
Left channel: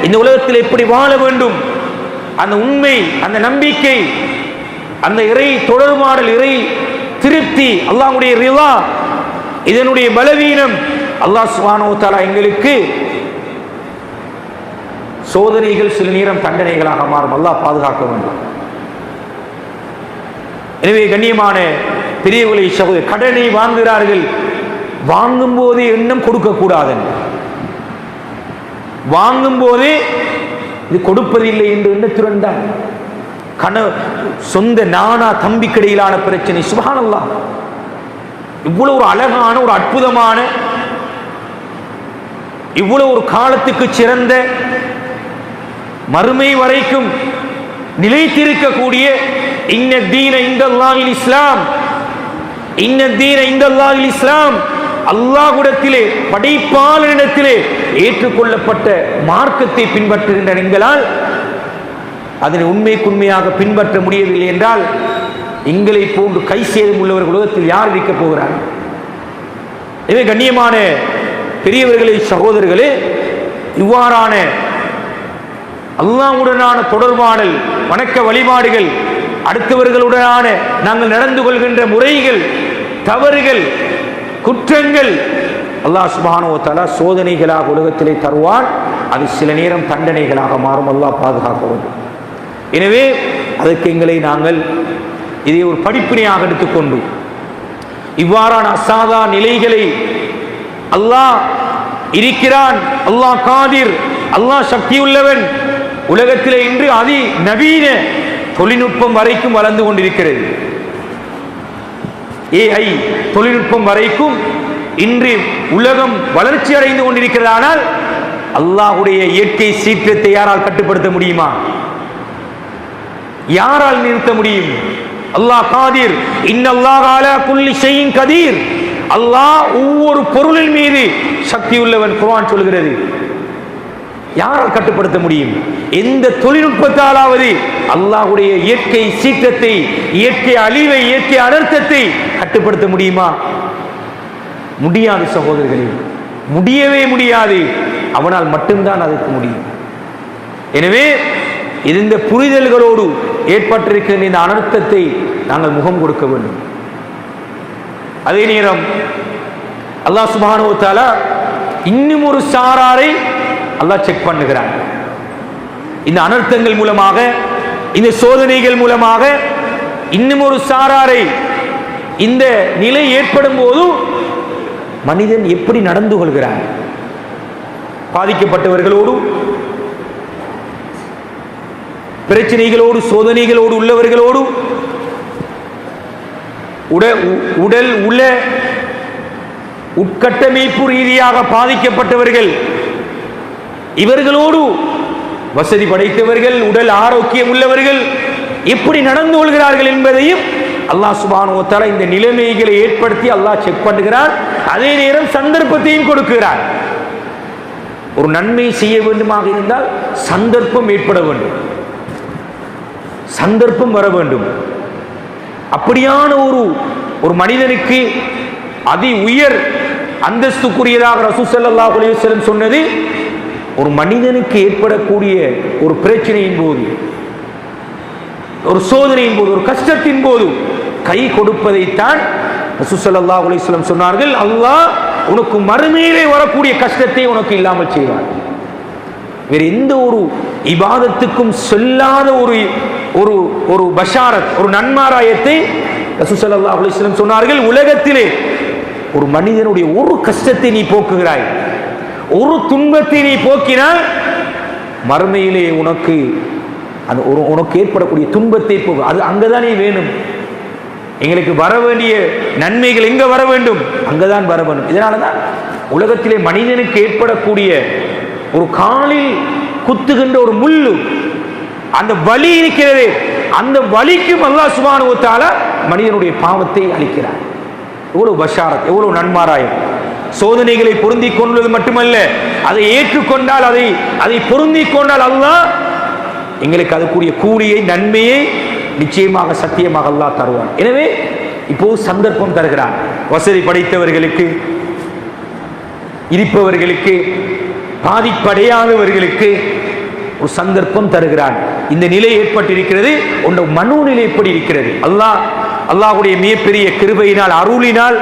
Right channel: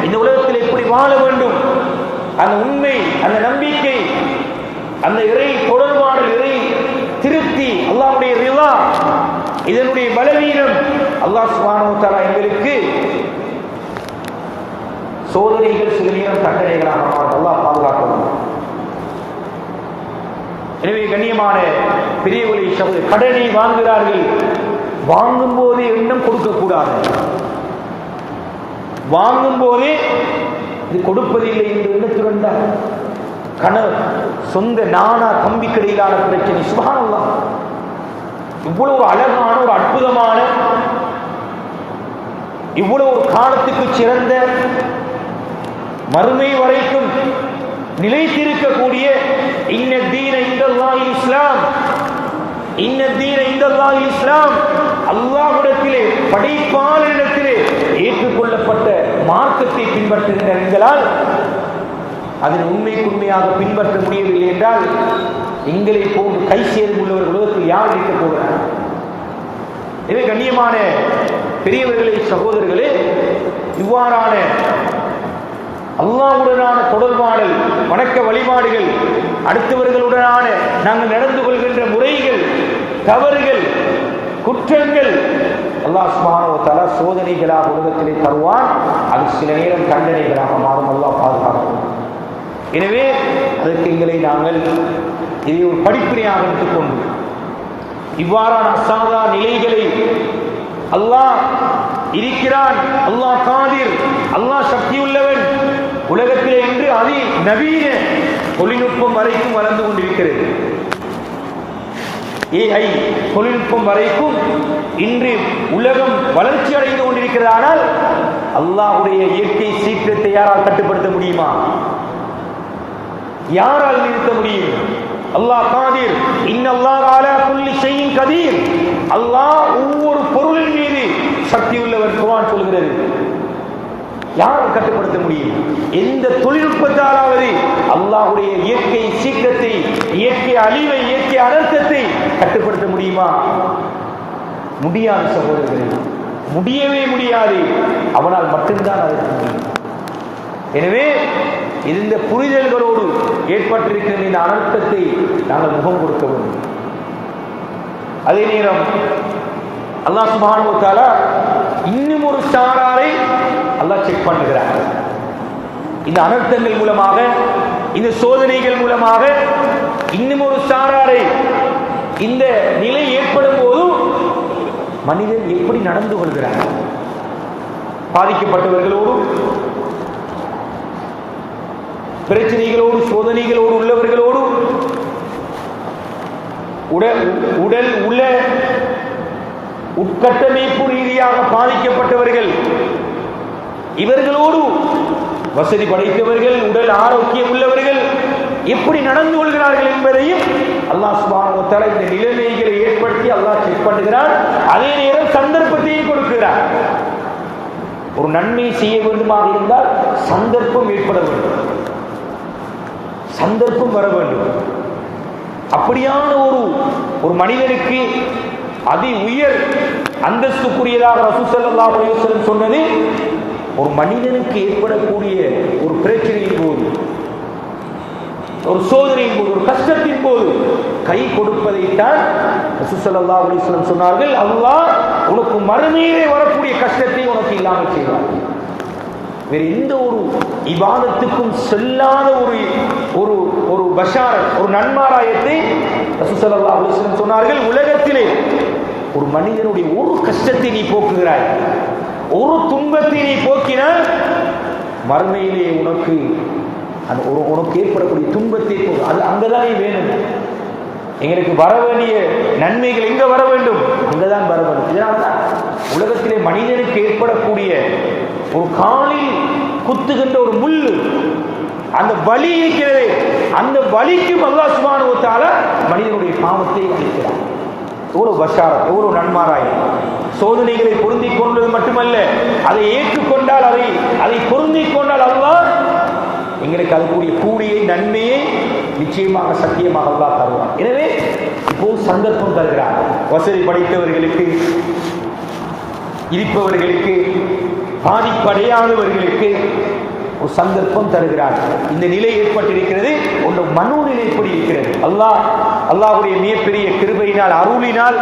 இந்த உலகத்தில் எப்படி வாழ வேண்டும், அந்த உண்மை, அந்த நம்பிக்கை, அந்த இறை தொடர்பாடல், இறை திருப்தி, அல்லாஹ்வுடைய ரிலா, இதனுடைய பலவீனம், அல்லாஹ் சுப்ஹானஹு வ தஆலா எங்களுக்கு சோதனைகள் சில நேரம் தண்டனைகளாக மாறும். அல்லாஹ் பாதுகாக்க வேண்டும். எனவே கண்ணியமான பெரியவர்களை சகோதரர், கடனை வாங்குகிறார்கள், வாங்கும் போதே எண்ணம் கொடுக்கக்கூடாது, வாங்கும் போதே இது கொடுப்பதில்லை என்று எண்ணத்திருந்தார். சொந்த நானா தம்பிக்கு இடையிலான பிரச்சனை. சுப்ஹானல்லாஹ். இவ்வளவு ஒரு அழகான, ஒரு அற்புதமான, இவ்வளவு ஒரு காலத்துக்கு சிறந்த, மறுமை வரைக்கும் நிலைத்திருக்கக்கூடிய இன்ன தீன இந்தல்லாஹில் இஸ்லாம், இன்ன தீன இந்தல்லாஹில் இஸ்லாம், அல்லாஹ்விடத்திலே, படைப்பாளரிடத்திலே ஏற்றுக்கொள்ளப்பட்ட மார்க்கத்தை பின்பற்றுகின்ற எங்களால் அதனை உண்மையாக பின்பற்ற முடியவில்லை என்றால் எங்களை போன்று கை சேதம் உள்ளவர்கள் உலகத்தில் யார் இருக்க போகிறார்? எனவே கண்ணியமான பெரியவர்களே, சகோதரர்களே, இவ்வாறான அல்லாஹ்வுடனான தொடர்பாடல், வணக்க வழிபாடுகள், அடுத்தவர்களுடனான நாங்கள் நடந்து கொள்கின்ற முறைகள், தவறுகள், குற்றங்கள், அல்லாஹ் சுப்ஹானஹு வ தஆலா சோதனைகளாக உலகத்திலே தருவான். அது சில நேரம் தண்டனைகளாக மாறும். அல்லாஹ் பாதுகாக்கும். எனவே அதற்கு எங்களை நாங்கள் இதை ஒரு படிப்பினையாக எடுத்துக்கொண்டு இவ்வாறான அசாதா நிலைகளை, அல்லாஹ் இருக்கிறான், அல்லாஹ் காதிர், அல்லாஹ் சக்தியுள்ளவன், உலகத்திலே இன்று அதி நவீன தொழில்நுட்பம் வரைக்கும் வளர்ந்து கொண்டிருக்கிறது. AI தொழில்நுட்பம் வரைக்கும் இன்று உலகம் வளர்ச்சி அடைந்து கொண்டிருக்கிறது. ஆனால் அல்லாஹ்வுடைய இயற்கை சீற்றத்தை யாரால் கட்டுப்படுத்த முடியுமா? யாரால் நிறுத்த முடியும்? அல்லாஹ் காதிர், இன்னல்லாஹ அலா குல்லி ஷைஇன் கதீர். அல்லாஹ் ஒவ்வொரு பொருளின் மீது சக்தி உள்ளவன். குர்ஆன் சொல்கிறது. யாரால் கட்டுப்படுத்த முடியும்? எந்த தொழில்நுட்பத்தாலாவது அல்லாஹ்வுடைய இயற்கை சீற்றத்தை, இயற்கை அழிவை, இயற்கை அனர்த்தத்தை கட்டுப்படுத்த முடியுமா? முடியாது சகோதரர்களே, முடியவே முடியாது. அவனால் மட்டும்தான் அதற்கு முடியும். எனவே இந்த புரிதல்களோடு ஏற்பட்டிருக்கிற இந்த அனர்த்தத்தை நாங்கள் முகம் கொடுக்க வேண்டும். அதே நேரம் அல்லாஹ் சுப்ஹானஹு வ தஆலா இன்னும் ஒரு சாராரை அல்லாஹ் செக் பண்ணுகிறார். இந்த அனர்த்தங்கள் மூலமாக, இந்த சோதனைகள் மூலமாக இன்னும் ஒரு சாராரை இந்த நிலை ஏற்படும் போது மனிதன் எப்படி நடந்து கொள்கிறார்? பாதிக்கப்பட்டவர்களோடு, பிரச்சனைகளோடு, சோதனைகளோடு உள்ளவர்களோடு, உடல் உள்ள உட்கட்டமைப்பு ரீதியாக பாதிக்கப்பட்டவர்கள், இவர்களோடு வசதி படைத்தவர்கள், உடல் ஆரோக்கியம் உள்ளவர்கள் எப்படி நடந்து கொள்கிறார்கள் என்பதையும் அல்லாஹ் சுப்ஹானஹு வ தஆலா இந்த நிலைமைகளை ஏற்படுத்தி அல்லாஹ் செக் பண்ணுகிறார். அதே நேரம் சந்தர்ப்பத்தையும் கொடுக்கிறார். ஒரு நன்மை செய்ய வேண்டுமாக இருந்தால் சந்தர்ப்பம் ஏற்பட வேண்டும், சந்தர்ப்பம் வர வேண்டும். அப்படியான ஒரு மனிதனுக்கு அதி உயர் அந்தஸ்துக்குரியதாக ரசூல் ஸல்லல்லாஹு அலைஹி வஸல்லம் சொன்னது, ஒரு மனிதனுக்கு ஏற்படக்கூடிய ஒரு பிரச்சனையின் போது, ஒரு சோதனையின் போது, ஒரு கஷ்டத்தின் போது கை கொடுப்பதைத்தான் ரசூல் ஸல்லல்லாஹு அலைஹி வஸல்லம் சொன்னார்கள். அல்லாஹ் உனக்கு மறுமையிலே வரக்கூடிய கஷ்டத்தை உனக்கு இல்லாமல் செய்வார். வேறு எந்த ஒரு இபாதத்துக்கும் சொல்லாத ஒரு பஷாரத், ஒரு நன்மாராயத்தை ரசூல் ஸல்லல்லாஹு அலைஹி வஸல்லம் சொன்னார்கள். உலகத்திலே ஒரு மனிதனுடைய ஒரு கஷ்டத்தை நீ போக்குகிறாய், ஒரு துன்பத்தை நீ போக்கினால் மறுமையிலே உனக்கு ஏற்படக்கூடிய துன்பத்தை போக்கு. அது அங்கதானே வேணும். எங்களுக்கு வர வேண்டிய நன்மைகள் எங்க வர வேண்டும்? அங்கதான் வர வேண்டும். இதனால்தான் உலகத்திலே மனிதனுக்கு ஏற்படக்கூடிய ஒரு காலில் குத்துகின்ற ஒரு முள்ளு, அந்த வலி இருக்கிறது, அந்த வலிக்கும் அல்லாஹ் சுப்ஹானஹு வ தஆலா மனிதனுடைய பாவத்தை அளிக்கிறார். எவ்வளவு பஷாரத், எவ்வளவு நன்மாராயம். சோதனைகளை பொருந்திக் கொள்வது மட்டுமல்ல, அதை ஏற்றுக்கொண்டால், அதை பொருந்திக் கொண்டால் அல்லாஹ் எங்களுக்கு அதுக்குரிய கூலியை, நன்மையை நிச்சயமாக சத்தியமாக அல்லாஹ் தருவார். எனவே இப்போ சந்தர்ப்பம் தருகிறார். வசதி படைத்தவர்களுக்கு, இருப்பவர்களுக்கு, பாதிப்படையாதவர்களுக்கு ஒரு சந்தர்ப்பம் தருகிறார். இந்த நிலை ஏற்பட்டிருக்கிறது. உங்க மனோநிலை எப்படி இருக்கிறது? அல்லாஹ்வுடைய மிகப்பெரிய கிருபையினால், அருளினால்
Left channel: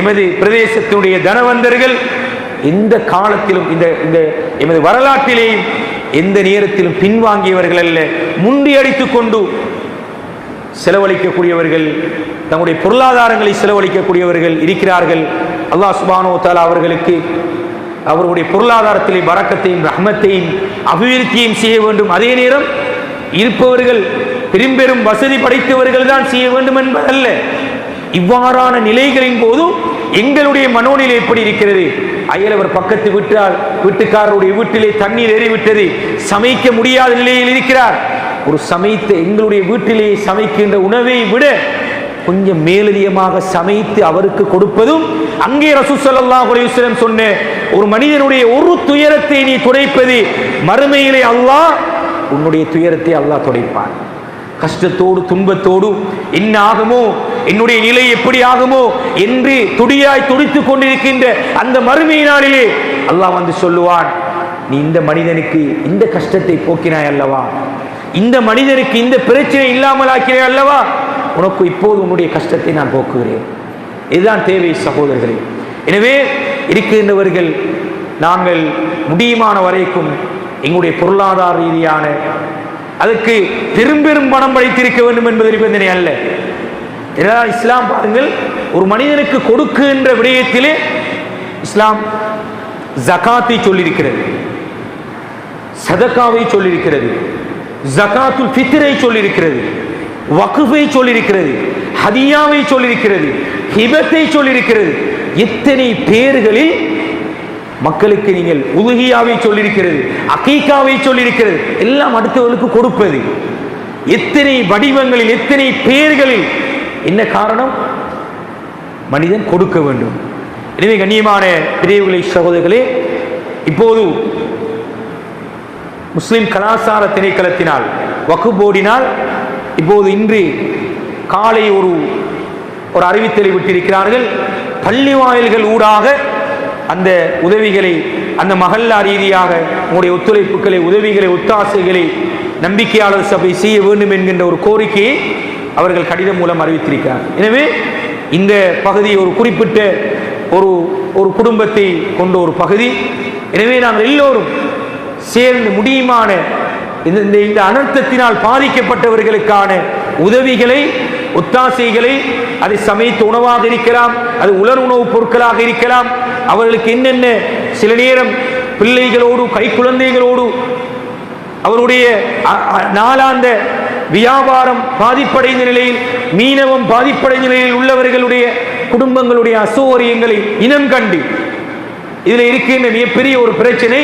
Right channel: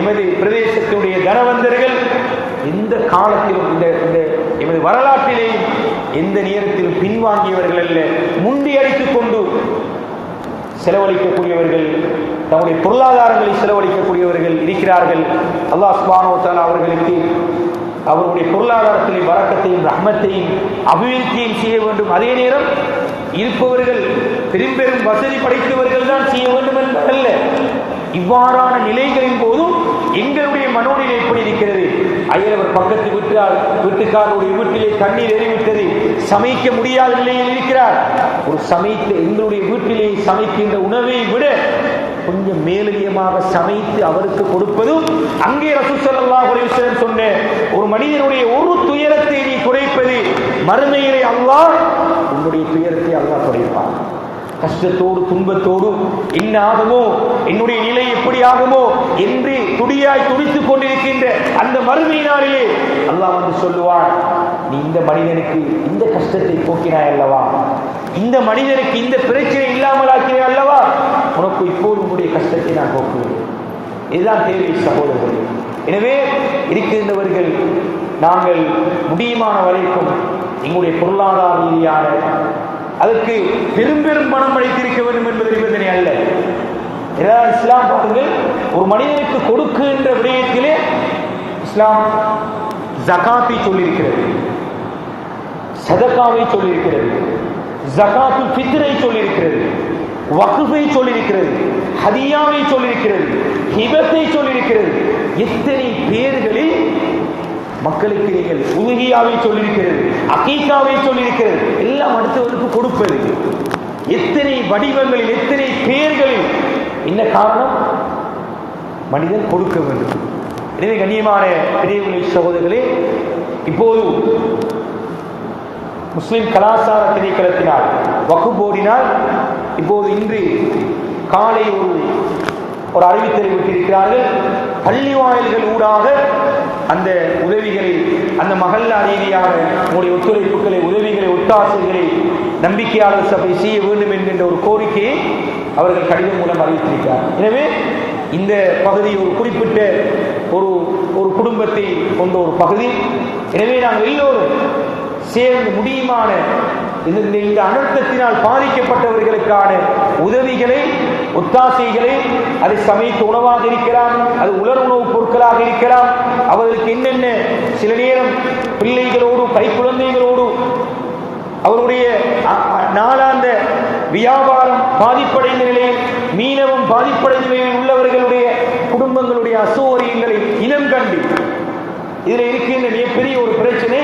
எமது பிரதேசத்தினுடைய தனவந்தர்கள் எந்த காலத்திலும், இந்த எமது வரலாற்றிலேயும் எந்த நேரத்திலும் பின்வாங்கியவர்கள் அல்ல, முண்டி அடித்துக் கொண்டு செலவழிக்கக்கூடியவர்கள், தம்முடைய பொருளாதாரங்களை செலவழிக்கக்கூடியவர்கள் இருக்கிறார்கள். அல்லாஹ் சுப்ஹானஹு வ தஆலா அவர்களுக்கு அவருடைய பொருளாதாரத்திலே பரக்கத்தையும், ரஹ்மத்தையும், அபிவிருத்தியையும் செய்ய வேண்டும். அதே நேரம் இருப்பவர்கள் பெரும்பெரும் வசதி படைத்தவர்கள் தான் செய்ய வேண்டும் என்பதல்ல. இவ்வாறான நிலைகளின் போதும் எங்களுடைய மனோநிலை எப்படி இருக்கிறது? அயலவர் பக்கத்து வீட்டுக்காரருடைய வீட்டிலே தண்ணீர் ஏறிவிட்டது, சமைக்க முடியாத நிலையில் இருக்கிறார். ஒரு சமைத்த எங்களுடைய வீட்டிலே சமைக்கின்ற உணவை விட கொஞ்சம் மேலதிகமாக சமைத்து அவருக்கு கொடுப்பதும், அங்கே ரசூல் ஸல்லல்லாஹு அலைஹி வஸல்லம் சொன்ன ஒரு மனிதனுடைய ஒரு துயரத்தை நீ துடைப்பது, மறுமையிலே அல்லாஹ் உன்னுடைய துயரத்தை அல்லாஹ் துடைப்பான். கஷ்டத்தோடு, துன்பத்தோடு என்ன ஆகுமோ, என்னுடைய நிலை எப்படி ஆகுமோ என்று துடியாய் துடித்துக் கொண்டிருக்கின்ற அந்த மறுமை நாளிலே அல்லாஹ் வந்து சொல்லுவான், நீ இந்த மனிதனுக்கு இந்த கஷ்டத்தை போக்கினாய் அல்லவா, இந்த மனிதனுக்கு இந்த பிரச்சனை இல்லாமல் ஆக்கிறாய் அல்லவா, உனக்கு இப்போது உன்னுடைய கஷ்டத்தை நான் போக்குகிறேன். இதுதான் தேவை சகோதரர்களே. எனவே இருக்கின்றவர்கள் நாங்கள் முடியுமான வரைக்கும் எங்களுடைய பொருளாதார ரீதியான அதுக்கு பெரும்பெரும் பணம் படைத்திருக்க வேண்டும் என்பது நிபந்தனை அல்ல. இஸ்லாம் பாருங்கள், ஒரு மனிதனுக்கு கொடுக்கின்ற விடயத்திலே இஸ்லாம் ஜகாத்தை சொல்லியிருக்கிறது, சதகாவை சொல்லியிருக்கிறது, ஜகாத்துல் ஃபித்ரை சொல்லியிருக்கிறது, வக்ஃபை சொல்லியிருக்கிறது, ஹதியாவை சொல்லியிருக்கிறது, ஹிபத்தை சொல்லியிருக்கிறது. எத்தனை பேர்களில் மக்களுக்கு நீங்கள் உலுகியாவை சொல்லியிருக்கிறது, அகீகாவை சொல்லியிருக்கிறது. எல்லாம் அடுத்தவர்களுக்கு கொடுப்பது எத்தனை வடிவங்களில், எத்தனை பேர்களில். என்ன காரணம்? மனிதன் கொடுக்க வேண்டும். எனவே கண்ணியமான பெரியவர்களே, சகோதரர்களே, இப்போது முஸ்லிம் கலாச்சார திணைக்களத்தினால் வக்ஃப் போர்டினால் இப்போது இன்று காலை ஒரு அறிவித்தலை விட்டிருக்கிறார்கள். பள்ளி வாயில்கள் ஊடாக அந்த உதவிகளை, அந்த மஹல்லா ரீதியாக உங்களுடைய ஒத்துழைப்புகளை, உதவிகளை, ஒத்தாசைகளை நம்பிக்கையாளர் சபை செய்ய வேண்டும் என்கின்ற ஒரு கோரிக்கையை அவர்கள் கடிதம் மூலம் அறிவித்திருக்கிறார். எனவே இந்த பகுதி ஒரு குறிப்பிட்ட ஒரு குடும்பத்தை கொண்ட ஒரு பகுதி. எனவே நாங்கள் எல்லோரும் சேர்ந்து முடியுமான இந்த அனர்த்தத்தினால் பாதிக்கப்பட்டவர்களுக்கான உதவிகளை, ஒத்தாசைகளை, அதை சமைத்த உணவாக இருக்கலாம், அது உலர் உணவுப் பொருட்களாக இருக்கலாம், அவர்களுக்கு என்னென்ன சில நேரம் பிள்ளைகளோடு, கை குழந்தைகளோடு, அவருடைய நாளாந்த வியாபாரம் பாதிப்படைந்த நிலையில், மீனவம் பாதிப்படைந்த நிலையில் உள்ளவர்களுடைய குடும்பங்களுடைய அசௌகரியங்களை இனம் கண்டு இதில் இருக்கின்ற மிகப்பெரிய ஒரு பிரச்சனை,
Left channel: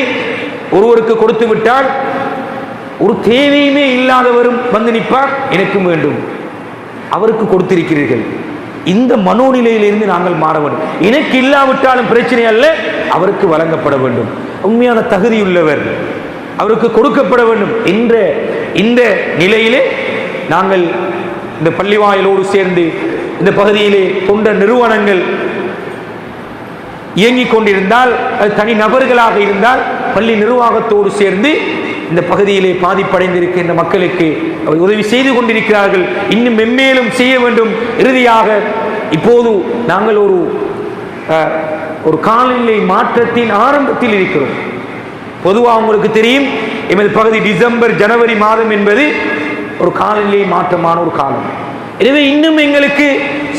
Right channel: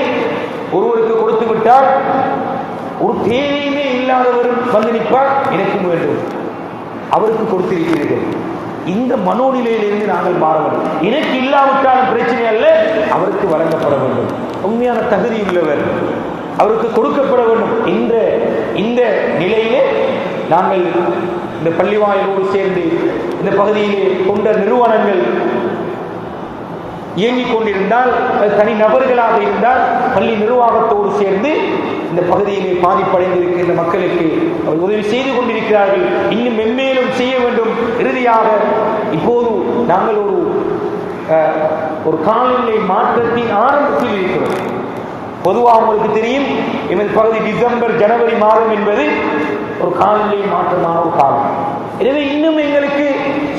ஒருவருக்கு கொடுத்து விட்டால் ஒரு தேவையுமே இல்லாதவரும் வந்து நிற்பார், எனக்கும் வேண்டும், அவருக்கு கொடுத்திருக்கிறீர்கள். இந்த மனோநிலையிலிருந்து நாங்கள் மாற வேண்டும். எனக்கு இல்லாவிட்டாலும் பிரச்சனை அல்ல, அவருக்கு வழங்கப்பட வேண்டும். உண்மையான தகுதியுள்ளவர், அவருக்கு கொடுக்கப்பட வேண்டும் என்ற இந்த நிலையிலே நாங்கள் இந்த பள்ளிவாயலோடு சேர்ந்து இந்த பகுதியிலே தொண்ட நிறுவனங்கள் இயங்கிக் கொண்டிருந்தால், அது தனி நபர்களாக இருந்தால், பள்ளி நிர்வாகத்தோடு சேர்ந்து இந்த பகுதியிலே பாதிப்படைந்திருக்கின்ற மக்களுக்கு அவர் உதவி செய்து கொண்டிருக்கிறார்கள். இன்னும் மென்மேலும் செய்ய வேண்டும். இறுதியாக இப்போது நாங்கள் ஒரு காலநிலை மாற்றத்தின் ஆரம்பத்தில் இருக்கிறோம். பொதுவாக உங்களுக்கு தெரியும், எமது பகுதி டிசம்பர் ஜனவரி மாதம் என்பது ஒரு காலநிலை மாற்றமான ஒரு காலம். எனவே இன்னும் எங்களுக்கு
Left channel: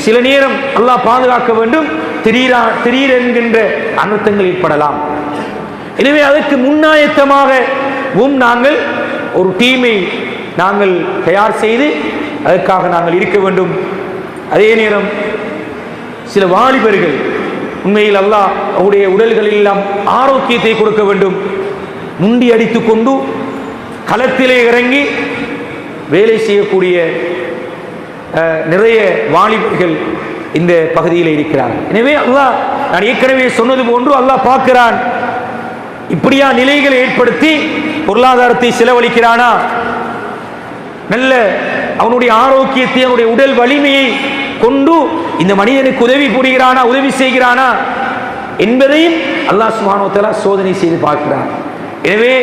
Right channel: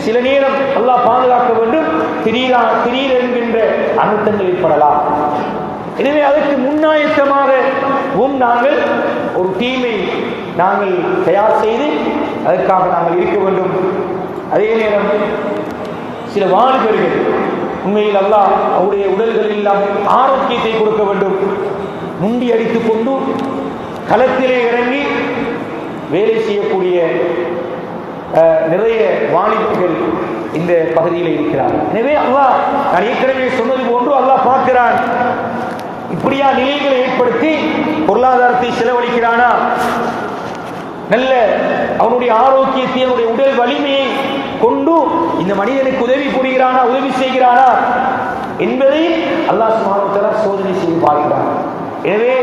சில நேரம் அல்லாஹ் பாதுகாக்க வேண்டும், திடீரென்கின்ற அனர்த்தங்கள் ஏற்படலாம். எனவே அதற்கு முன்னாயத்தமாகவும் நாங்கள் ஒரு டீமை நாங்கள் தயார் செய்து அதற்காக நாங்கள் இருக்க வேண்டும். அதே நேரம் சில வாலிபர்கள் உண்மையில் அல்லாஹ் அவருடைய உடல்களில் எல்லாம் ஆரோக்கியத்தை கொடுக்க வேண்டும். முண்டி அடித்துக் கொண்டு களத்திலே இறங்கி வேலை செய்யக்கூடிய நிறைய வாலிபர்கள் இந்த பகுதியில் இருக்கிறார். எனவே அல்லாஹ், நான் ஏற்கனவே சொன்னது போன்று, அல்லாஹ் பார்க்கிறான். இப்படியா நிலைகளை ஏற்படுத்தி பொருளாதாரத்தை செலவழிக்கிறானா, நல்ல அவனுடைய ஆரோக்கியத்தை, அவனுடைய உடல் வலிமையை கொண்டு இந்த மனிதனுக்கு உதவி புரிகிறானா, உதவி செய்கிறானா என்பதையும் அல்லாஹ் சுப்ஹானஹு வ தஆலா சோதனை செய்து பார்க்கிறான். எனவே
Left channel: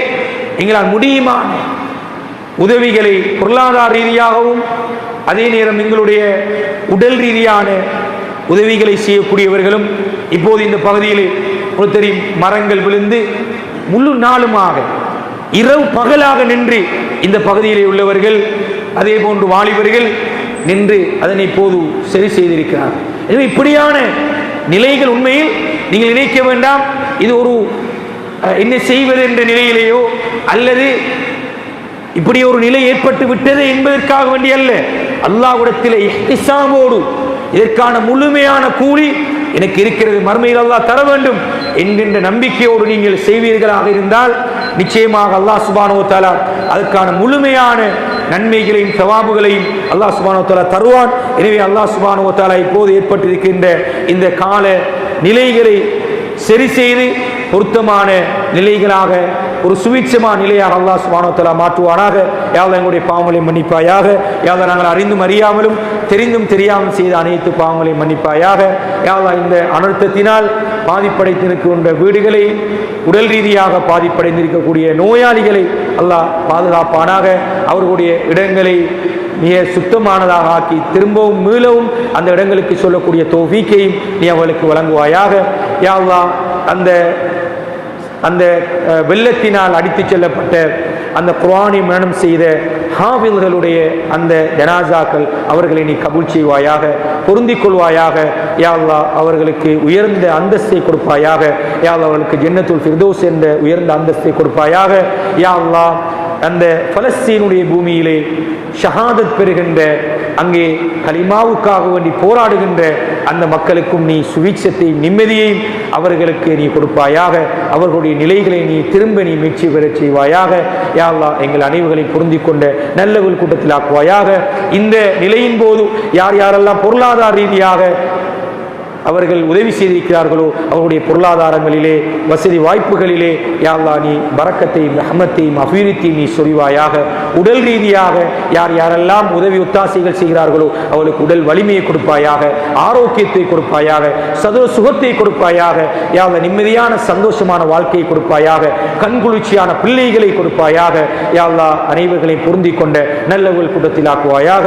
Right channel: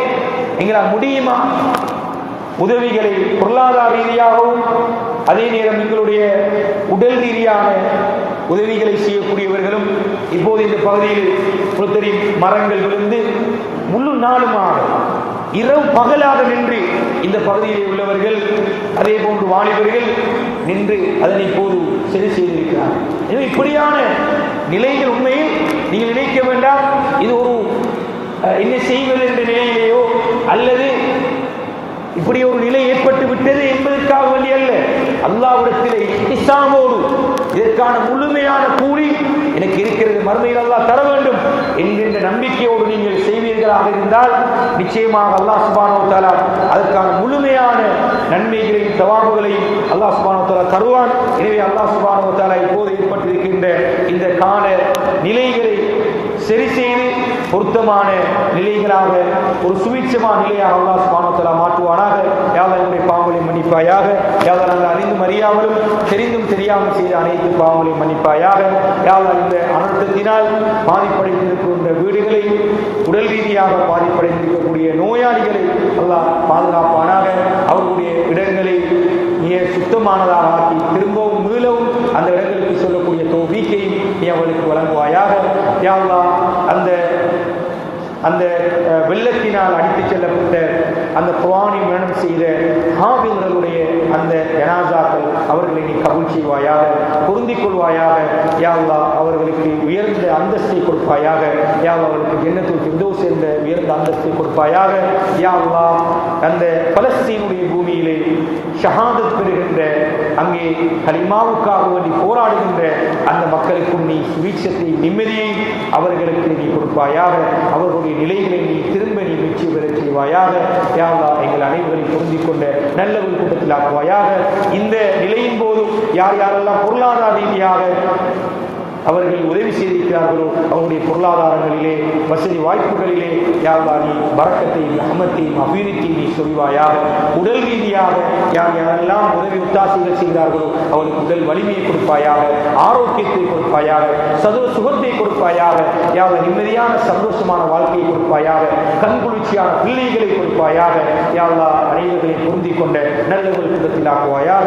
எங்களால் முடியுமா உதவிகளை பொருளாதார ரீதியாகவும் அதே நேரம் எங்களுடைய உடல் ரீதியான உதவிகளை செய்யக்கூடியவர்களும் இப்போது இந்த பகுதியில் தெரியும், மரங்கள் விழுந்து முழு நாளுமாக இரவு பகலாக நின்று இந்த பகுதியிலே உள்ளவர்கள், அதே போன்று வாலிபர்கள் நின்று அதனை இப்போது சரி செய்திருக்கிறார். எனவே இப்படியான நிலைகள் உண்மையில் நீங்கள் நினைக்க வேண்டாம், இது ஒரு என்ன செய்வது என்ற நிலையிலேயோ அல்லது இப்படி ஒரு நிலை ஏற்பட்டு விட்டது என்பதற்காக வேண்டிய அல்ல. அல்லாஹ்விடத்தில் இஹ்திசாமோடு இதற்கான முழுமையான கூலி எனக்கு இருக்கிறது, மறுமையில் அல்லாஹ் தர வேண்டும் என்கின்ற நம்பிக்கையோடு நீங்கள் செய்வீர்களாக இருந்தால் நிச்சயமாக அல்லாஹ் சுப்ஹானஹு வ தஆலா அதற்கான முழுமையான நன்மைகளையும் தவாபுகளையும் அல்லாஹ் சுப்ஹானஹு வ தஆலா தருவான். எனவே அல்லாஹ் சுப்ஹானஹு வ தஆலா இப்போது ஏற்பட்டிருக்கின்ற இந்த கால நிலைகளை சரி செய்து பொருத்தமான நிலைகளாக, ஒரு சுவிட்சமான நிலையாக அல்லாஹ் சுப்ஹானஹு வ தஆலா மாற்றுவானாக. யா அல்லாஹ் எங்களுடைய பாவங்களை மன்னிப்பாயாக. யா அல்லாஹ் நாங்கள் அறிந்தும் அறியாமலும் தெரிந்தும் தெரியாமல் செய்த அனைத்து பாவங்களையும் மன்னிப்பாயாக. யா அல்லாஹ் இந்த அனர்த்தத்தினால் பாதிப்படைந்திருக்கின்ற வீடுகளை, உடல் ரீதியாக பாதிப்படைந்திருக்கக்கூடிய நோயாளிகளை அல்லாஹ் பாதுகாப்பானாக. அவர்களுடைய இடங்களை மிக சுத்தமானதாக ஆக்கி திரும்பவும் மீளவும் அந்த இடங்களுக்கு சொல்லக்கூடிய தௌஃபீக்கையும் நீ அவர்களுக்கு வழங்குவாயாக. யா அல்லாஹ் அந்த வெள்ளத்தினால் அடித்துச் செல்லப்பட்ட அந்த குர்ஆனை மரணம் செய்த ஹாஃபில்களுடைய அந்த ஜனாசாக்கள் அவர்களை நீ கபூல் செய்வாயாக, பொருந்திக் கொள்வாயாக. யா அல்லாஹ் அவர்களுக்கு உயர்ந்த அந்தஸ்தை கொடுப்பாயாக. யா அல்லாஹ் அவர்களுக்கு ஜன்னத்துல் ஃபிர்தௌஸ் என்ற உயர்ந்த அந்தஸ்தை கொடுப்பாயாக. யா அல்லாஹ் அந்த பலஸ்தீனுடைய பூமியிலே ஷஹாதத் பெறுகின்ற, அங்கே கலிமாவுக்காக வேண்டி போராடுகின்ற அந்த மக்களுக்கும் நீ சுவீட்சத்தை, நிம்மதியையும் அவர்களுக்கு நீ கொடுப்பாயாக. அவர்களுடைய நிலைகளை நீ திரும்ப நீ மீட்சி பெறச் செய்வாயாக. யா அல்லாஹ் எங்கள் அனைவர்களையும் பொருந்திக் கொண்ட நல்லவர்கள் கூட்டத்தில் ஆக்குவாயாக. இந்த நிலையின் போது யார் யாரெல்லாம் பொருளாதார ரீதியாக அவர்கள் உதவி செய்திருக்கிறார்களோ அவருடைய பொருளாதாரங்களிலே, வசதி வாய்ப்புகளிலே யா அல்லாஹ் நீ பரக்கத்தையும் ரஹ்மத்தையும் அபிவிருத்தியும் நீ சொரிவாயாக. உடல் ரீதியாக யார் யாரெல்லாம் உதவி ஒத்தாசைகள் செய்கிறார்களோ அவளுக்கு உடல் வலிமையை கொடுப்பாயாக, ஆரோக்கியத்தை கொடுப்பாயாக, சுகத்தை கொடுப்பாயாக. யா அல்லாஹ் நிம்மதியான சந்தோஷமான வாழ்க்கையை கொடுப்பாயாக, கண்குளிர்ச்சியான பிள்ளைகளை கொடுப்பாயாக. யா அல்லாஹ் அனைவர்களையும் பொருந்திக் கொண்ட நல்லவர்கள் கூட்டத்தில் ஆக்குவாயாக.